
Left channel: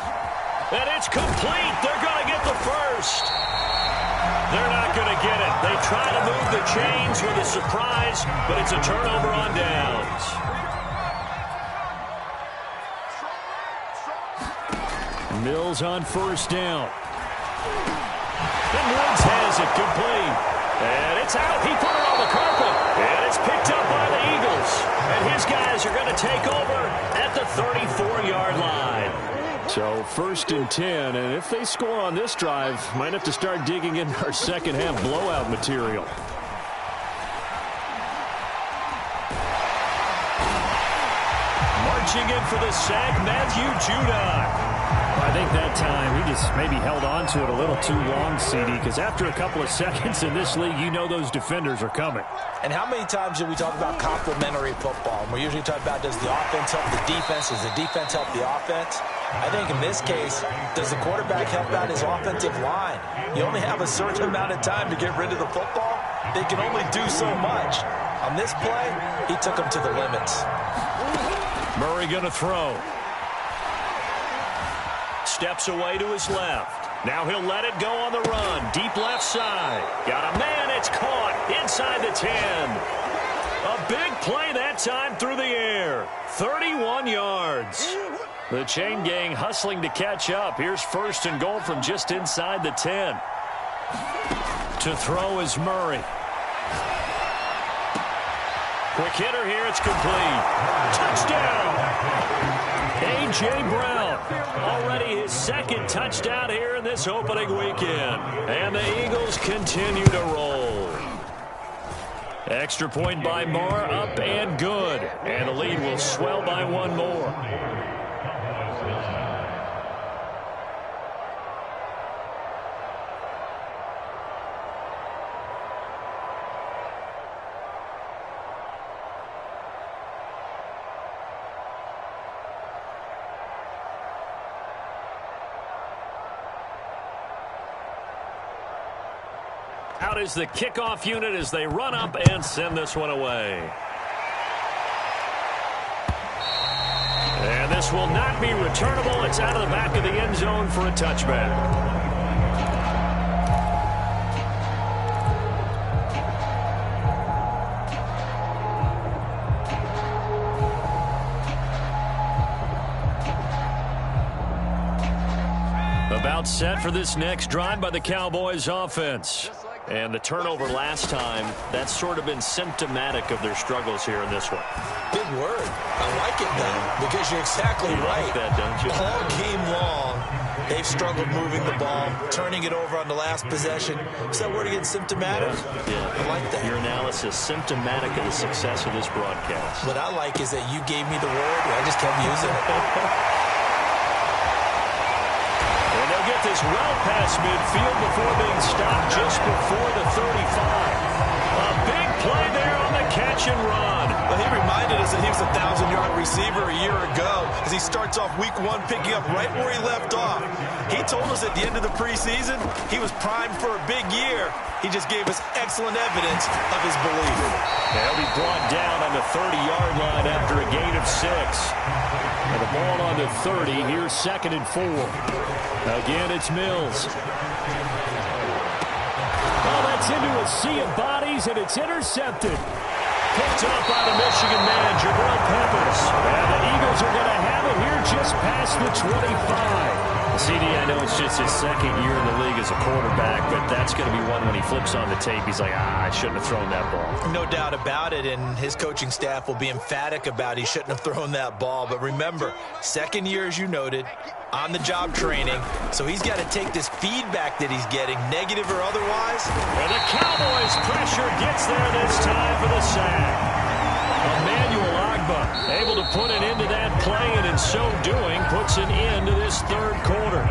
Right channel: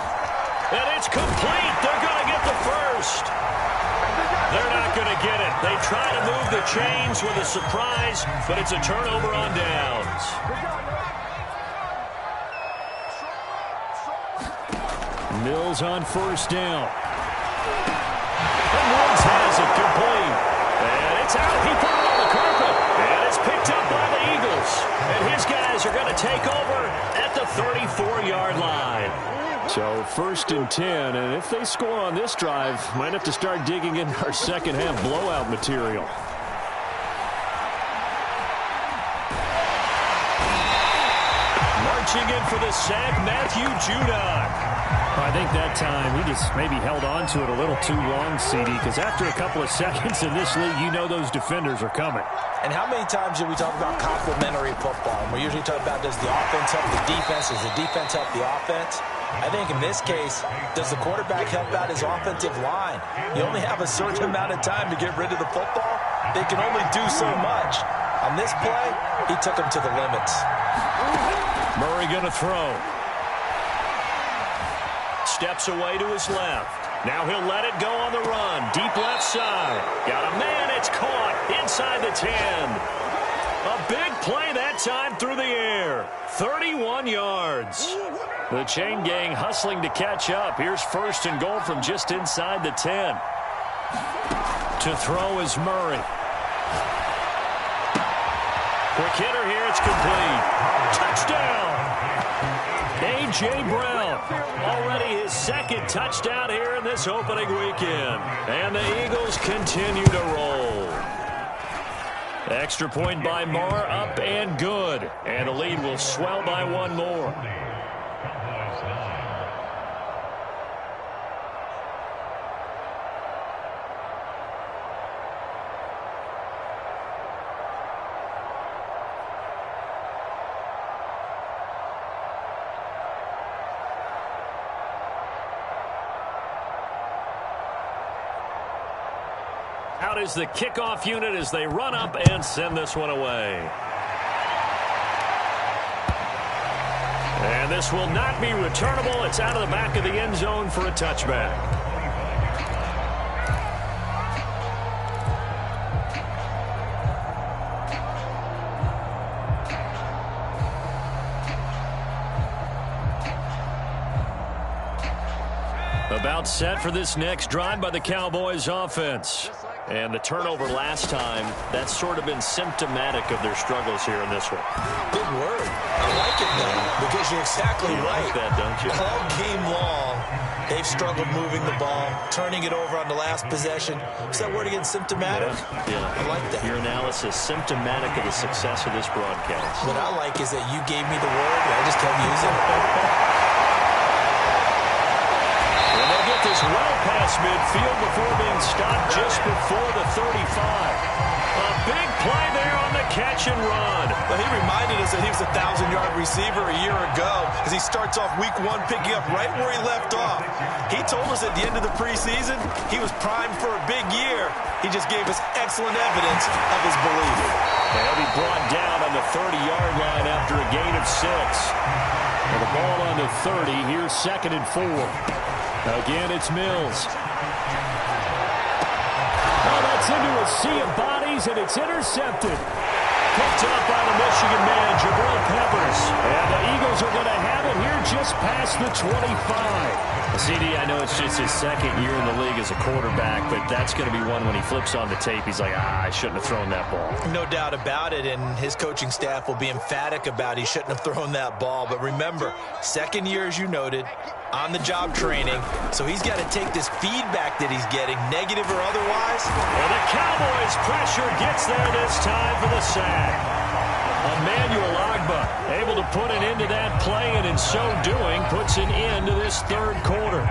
And it's complete. They're going to get the first. They're not going to get it. They try to move the chains with a surprise, but it's a turnover on downs. Mills on 1st down. And Woods has it complete. And it's out. He put it on the carpet. And it's picked up by the Eagles. And his guys are going to take over at the 34-yard line. So 1st and 10. And if they score on this drive, might have to start digging in our second-half blowout material. Marching in for the sack, Matthew Judon. I think that time he just maybe held on to it a little too long, CD, because after a couple of seconds in this league, you know those defenders are coming. And how many times do we talk about complementary football? And we usually talk about, does the offense help the defense? Does the defense help the offense? I think in this case, does the quarterback help out his offensive line? You only have a certain amount of time to get rid of the football. They can only do so much. On this play, he took them to the limits. Murray going to throw. Steps away to his left. Now he'll let it go on the run. Deep left side. Got a man. It's caught inside the 10. A big play that time through the air. 31 yards. The chain gang hustling to catch up. Here's 1st and goal from just inside the 10. To throw is Murray. Quick hitter here. It's complete. Touchdown. A.J. Brown, already his 2nd touchdown here in this opening weekend. And the Eagles continue to roll. Extra point by Marr, up and good. And the lead will swell by 1 more. Out is the kickoff unit as they run up and send this one away. And this will not be returnable. It's out of the back of the end zone for a touchback. About set for this next drive by the Cowboys offense. And the turnover last time, that's sort of been symptomatic of their struggles here in this one. Big word. I like it, though, because you're exactly right. Like that, don't you? All game long, they've struggled moving the ball, turning it over on the last possession. Is that word again, symptomatic? Yeah. I like that. Your analysis, symptomatic of the success of this broadcast. What I like is that you gave me the word, and I just kept using it. And they'll get this well past midfield before being stopped just before the 35. A big play there on the catch and run. Well, he reminded us that he was a 1,000-yard receiver a year ago as he starts off week 1 picking up right where he left off. He told us at the end of the preseason he was primed for a big year. He just gave us excellent evidence of his belief. He'll be brought down on the 30-yard line after a gain of 6. And the ball on the 30. Here's 2nd and 4. Again, it's Mills. Oh, that's into a sea of bodies, and it's intercepted. Picked up by the Michigan man, Jabril Peppers. And the Eagles are going to have it here just past the 25. CD, I know it's just his 2nd year in the league as a quarterback, but that's going to be one when he flips on the tape. He's like, I shouldn't have thrown that ball. No doubt about it, and his coaching staff will be emphatic about he shouldn't have thrown that ball. But remember, 2nd year, as you noted, on-the-job training, so he's got to take this feedback that he's getting, negative or otherwise. And the Cowboys' pressure gets there this time for the sack. Emmanuel Ogbah able to put an end to that play, and in so doing puts an end to this 3rd quarter.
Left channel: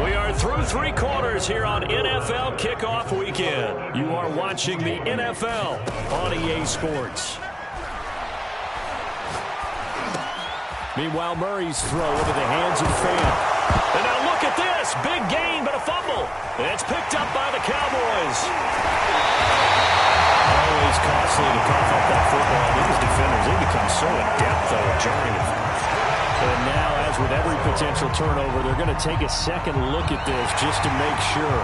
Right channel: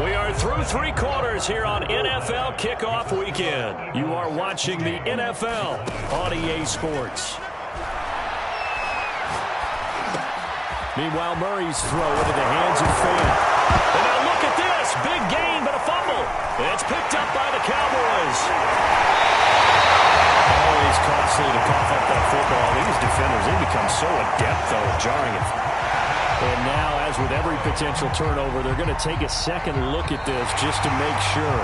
We are through 3 quarters here on NFL Kickoff Weekend. You are watching the NFL on EA Sports. Meanwhile, Murray's throw into the hands of Fant. And now look at this. Big gain, but a fumble. It's picked up by the Cowboys. Always costly to cough up that football. These defenders, they become so adept, though, at jarring it. And now, as with every potential turnover, they're going to take a second look at this just to make sure.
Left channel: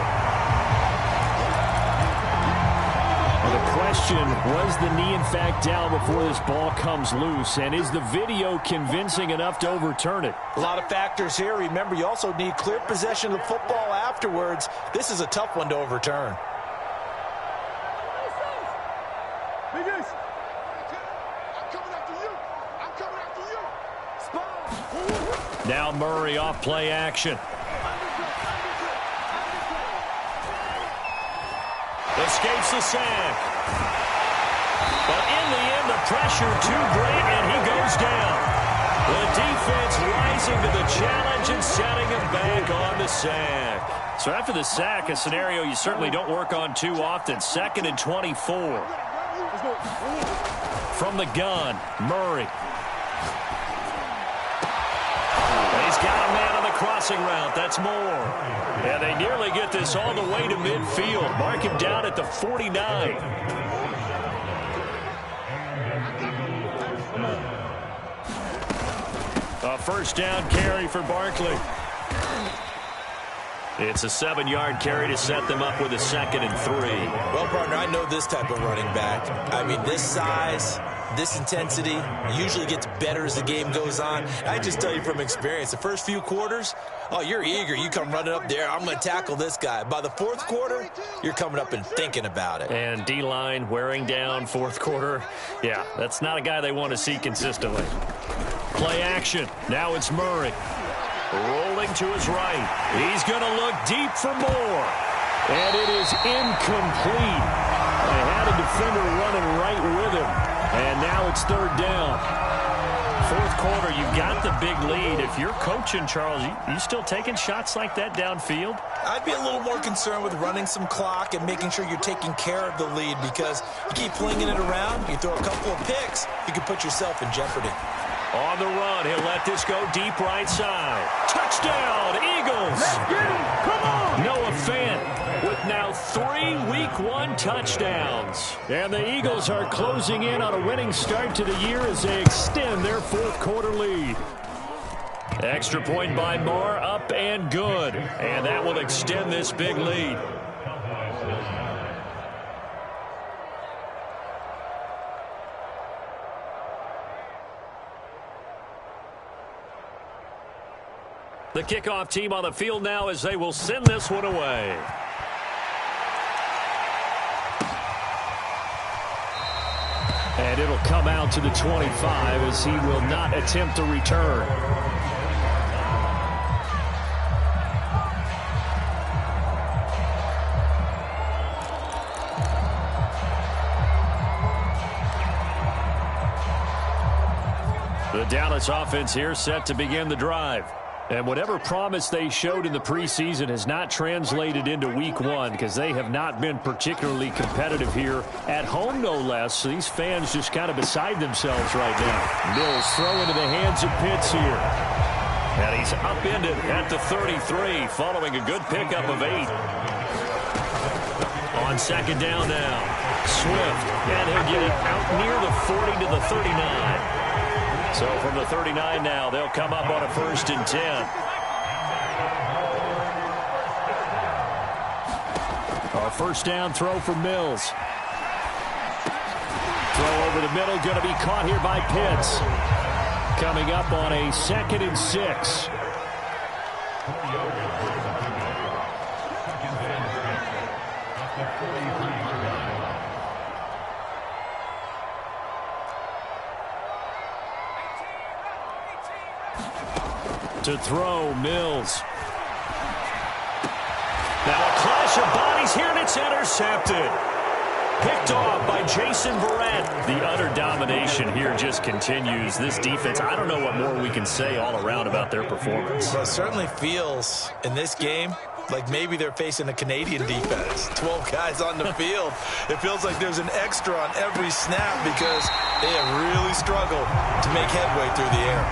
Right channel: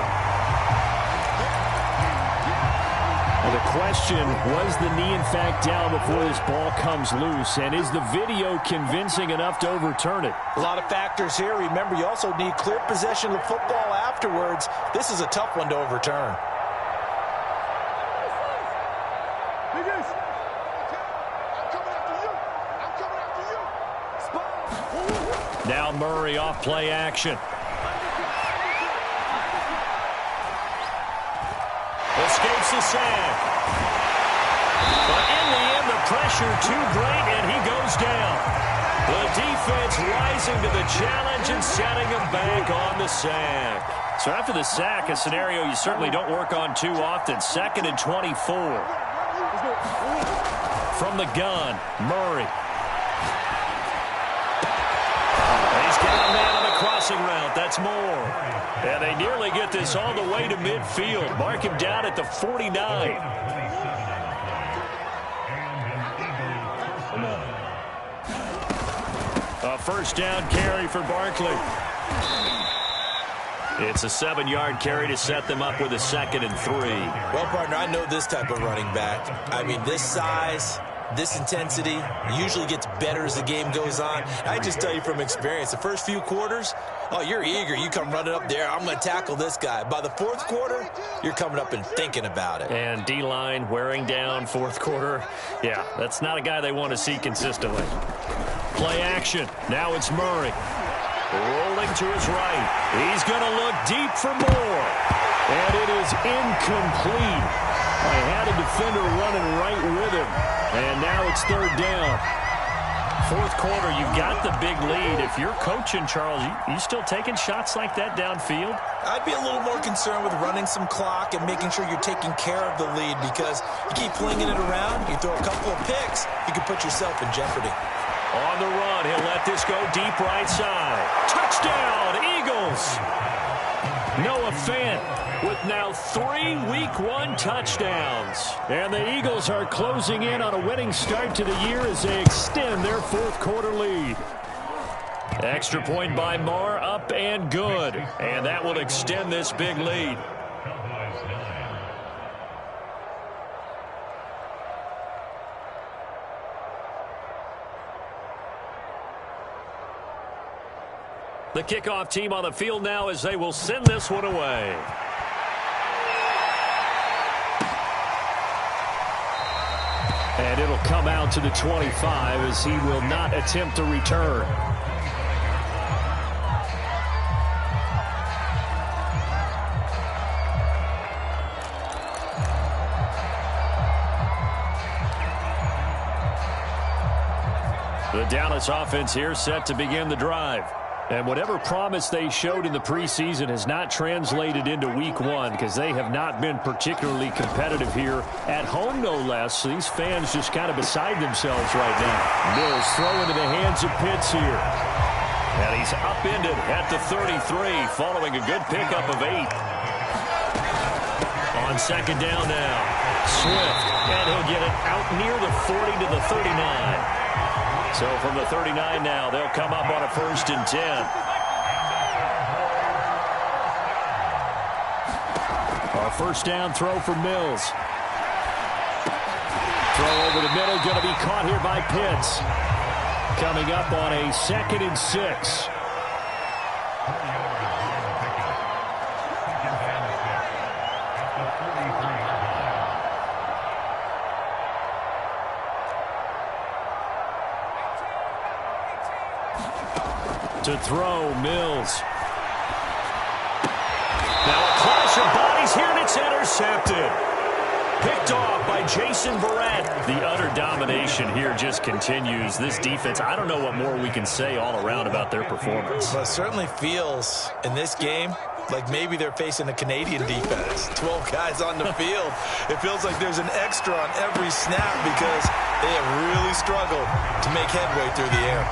And the question, was the knee in fact down before this ball comes loose? And is the video convincing enough to overturn it? A lot of factors here. Remember, you also need clear possession of the football afterwards. This is a tough one to overturn. Now Murray off play action. Escapes the sack. But in the end, the pressure too great, and he goes down. The defense rising to the challenge and setting him back on the sack. So after the sack, a scenario you certainly don't work on too often. 2nd and 24. From the gun, Murray. He's got a man on the crossing route. That's more. And they nearly get this all the way to midfield. Mark him down at the 49. A 1st down carry for Barkley. It's a 7-yard carry to set them up with a 2nd and 3. Well, partner, I know this type of running back. I mean, this size, this intensity usually gets better as the game goes on. I just tell you from experience, the first few quarters, oh, you're eager. You come running up there, I'm going to tackle this guy. By the 4th quarter, you're coming up and thinking about it. And D-line wearing down 4th quarter. Yeah, that's not a guy they want to see consistently. Play action. Now it's Murray. Rolling to his right. He's going to look deep for more. And it is incomplete. They had a defender running right with him. And now it's 3rd down. 4th quarter, you've got the big lead. If you're coaching, Charles, you still taking shots like that downfield? I'd be a little more concerned with running some clock and making sure you're taking care of the lead, because you keep flinging it around, you throw a couple of picks, you can put yourself in jeopardy. On the run, he'll let this go deep right side. Touchdown, Eagles! Noah Fant with now 3 Week 1 touchdowns. And the Eagles are closing in on a winning start to the year as they extend their 4th quarter lead. Extra point by Marr, up and good. And that will extend this big lead. The kickoff team on the field now as they will send this one away. And it'll come out to the 25 as he will not attempt to return. The Dallas offense here set to begin the drive. And whatever promise they showed in the preseason has not translated into week one because they have not been particularly competitive here at home, no less. So these fans just kind of beside themselves right now. Mills throw into the hands of Pitts here. And he's upended at the 33 following a good pickup of 8. On second down now, Swift, and he'll get it out near the 40 to the 39. So from the 39 now, they'll come up on a 1st and 10. A first down throw for Mills. Throw over the middle, going to be caught here by Pitts. Coming up on a 2nd and 6. To throw, Mills. Now a clash of bodies here, and it's intercepted. Picked off by Jason Verrett. The utter domination here just continues. This defense, I don't know what more we can say all around about their performance. Well, it certainly feels in this game like maybe they're facing a Canadian defense. 12 guys on the field. It feels like there's an extra on every snap because they have really struggled to make headway through the air.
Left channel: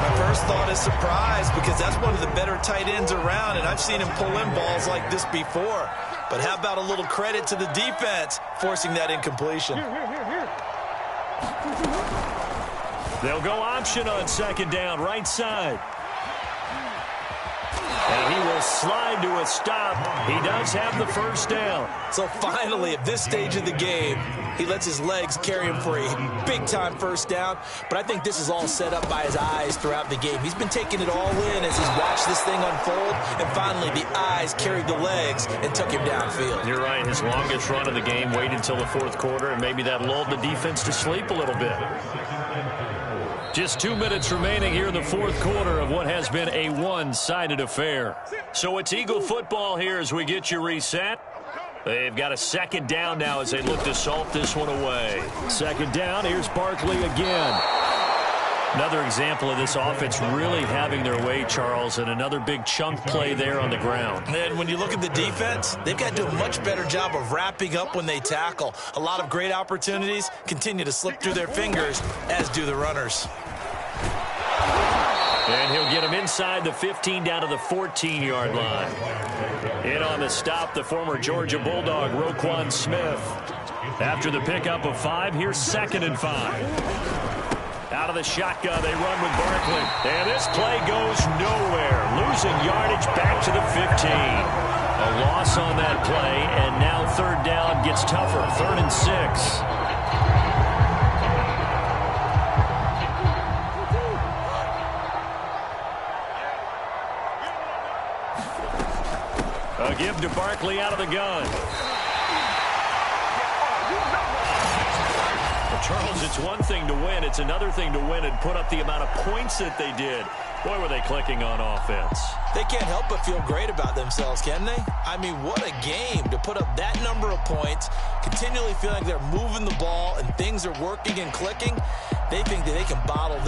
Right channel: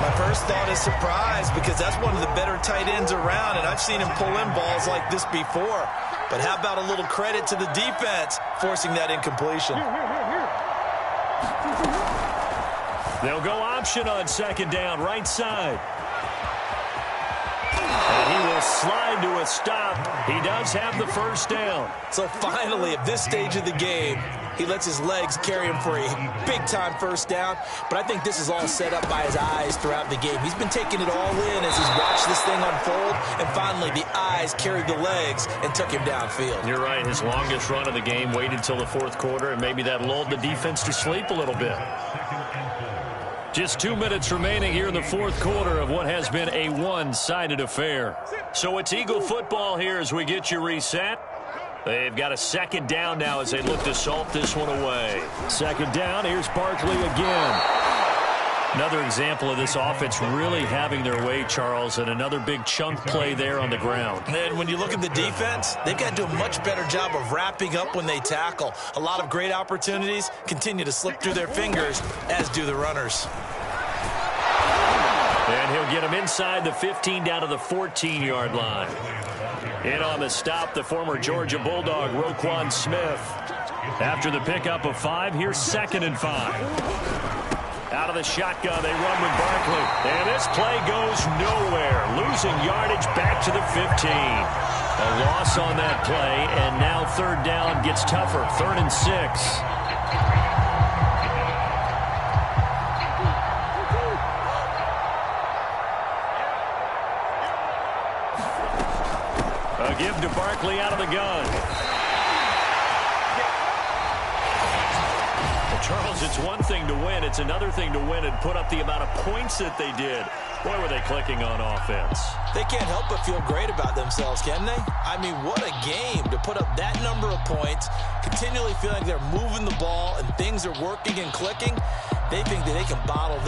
My first thought is surprise because that's one of the better tight ends around, and I've seen him pull in balls like this before. But how about a little credit to the defense forcing that incompletion? They'll go option on second down, right side. And he will slide to a stop. He does have the first down. So finally, at this stage of the game, he lets his legs carry him for a big-time first down. But I think this is all set up by his eyes throughout the game. He's been taking it all in as he's watched this thing unfold. And finally, the eyes carried the legs and took him downfield. You're right. His longest run of the game waited until the 4th quarter, and maybe that lulled the defense to sleep a little bit. Just 2 minutes remaining here in the 4th quarter of what has been a one-sided affair. So it's Eagle football here as we get you reset. They've got a second down now as they look to salt this one away. Second down, here's Barkley again. Another example of this offense really having their way, Charles, and another big chunk play there on the ground. And when you look at the defense, they've got to do a much better job of wrapping up when they tackle. A lot of great opportunities continue to slip through their fingers, as do the runners. And he'll get him inside the 15 down to the 14-yard line. In on the stop, the former Georgia Bulldog, Roquan Smith. After the pickup of 5, here's 2nd and 5. Out of the shotgun, they run with Barkley. And this play goes nowhere. Losing yardage back to the 15. A loss on that play, and now 3rd down gets tougher. 3rd and 6. A give to Barkley out of the gun. Well, Charles, it's one thing to win. It's another thing to win and put up the amount of points that they did. Boy, were they clicking on offense. They can't help but feel great about themselves, can they? I mean, what a game to put up that number of points, continually feeling like they're moving the ball and things are working and clicking. They think that they can bottle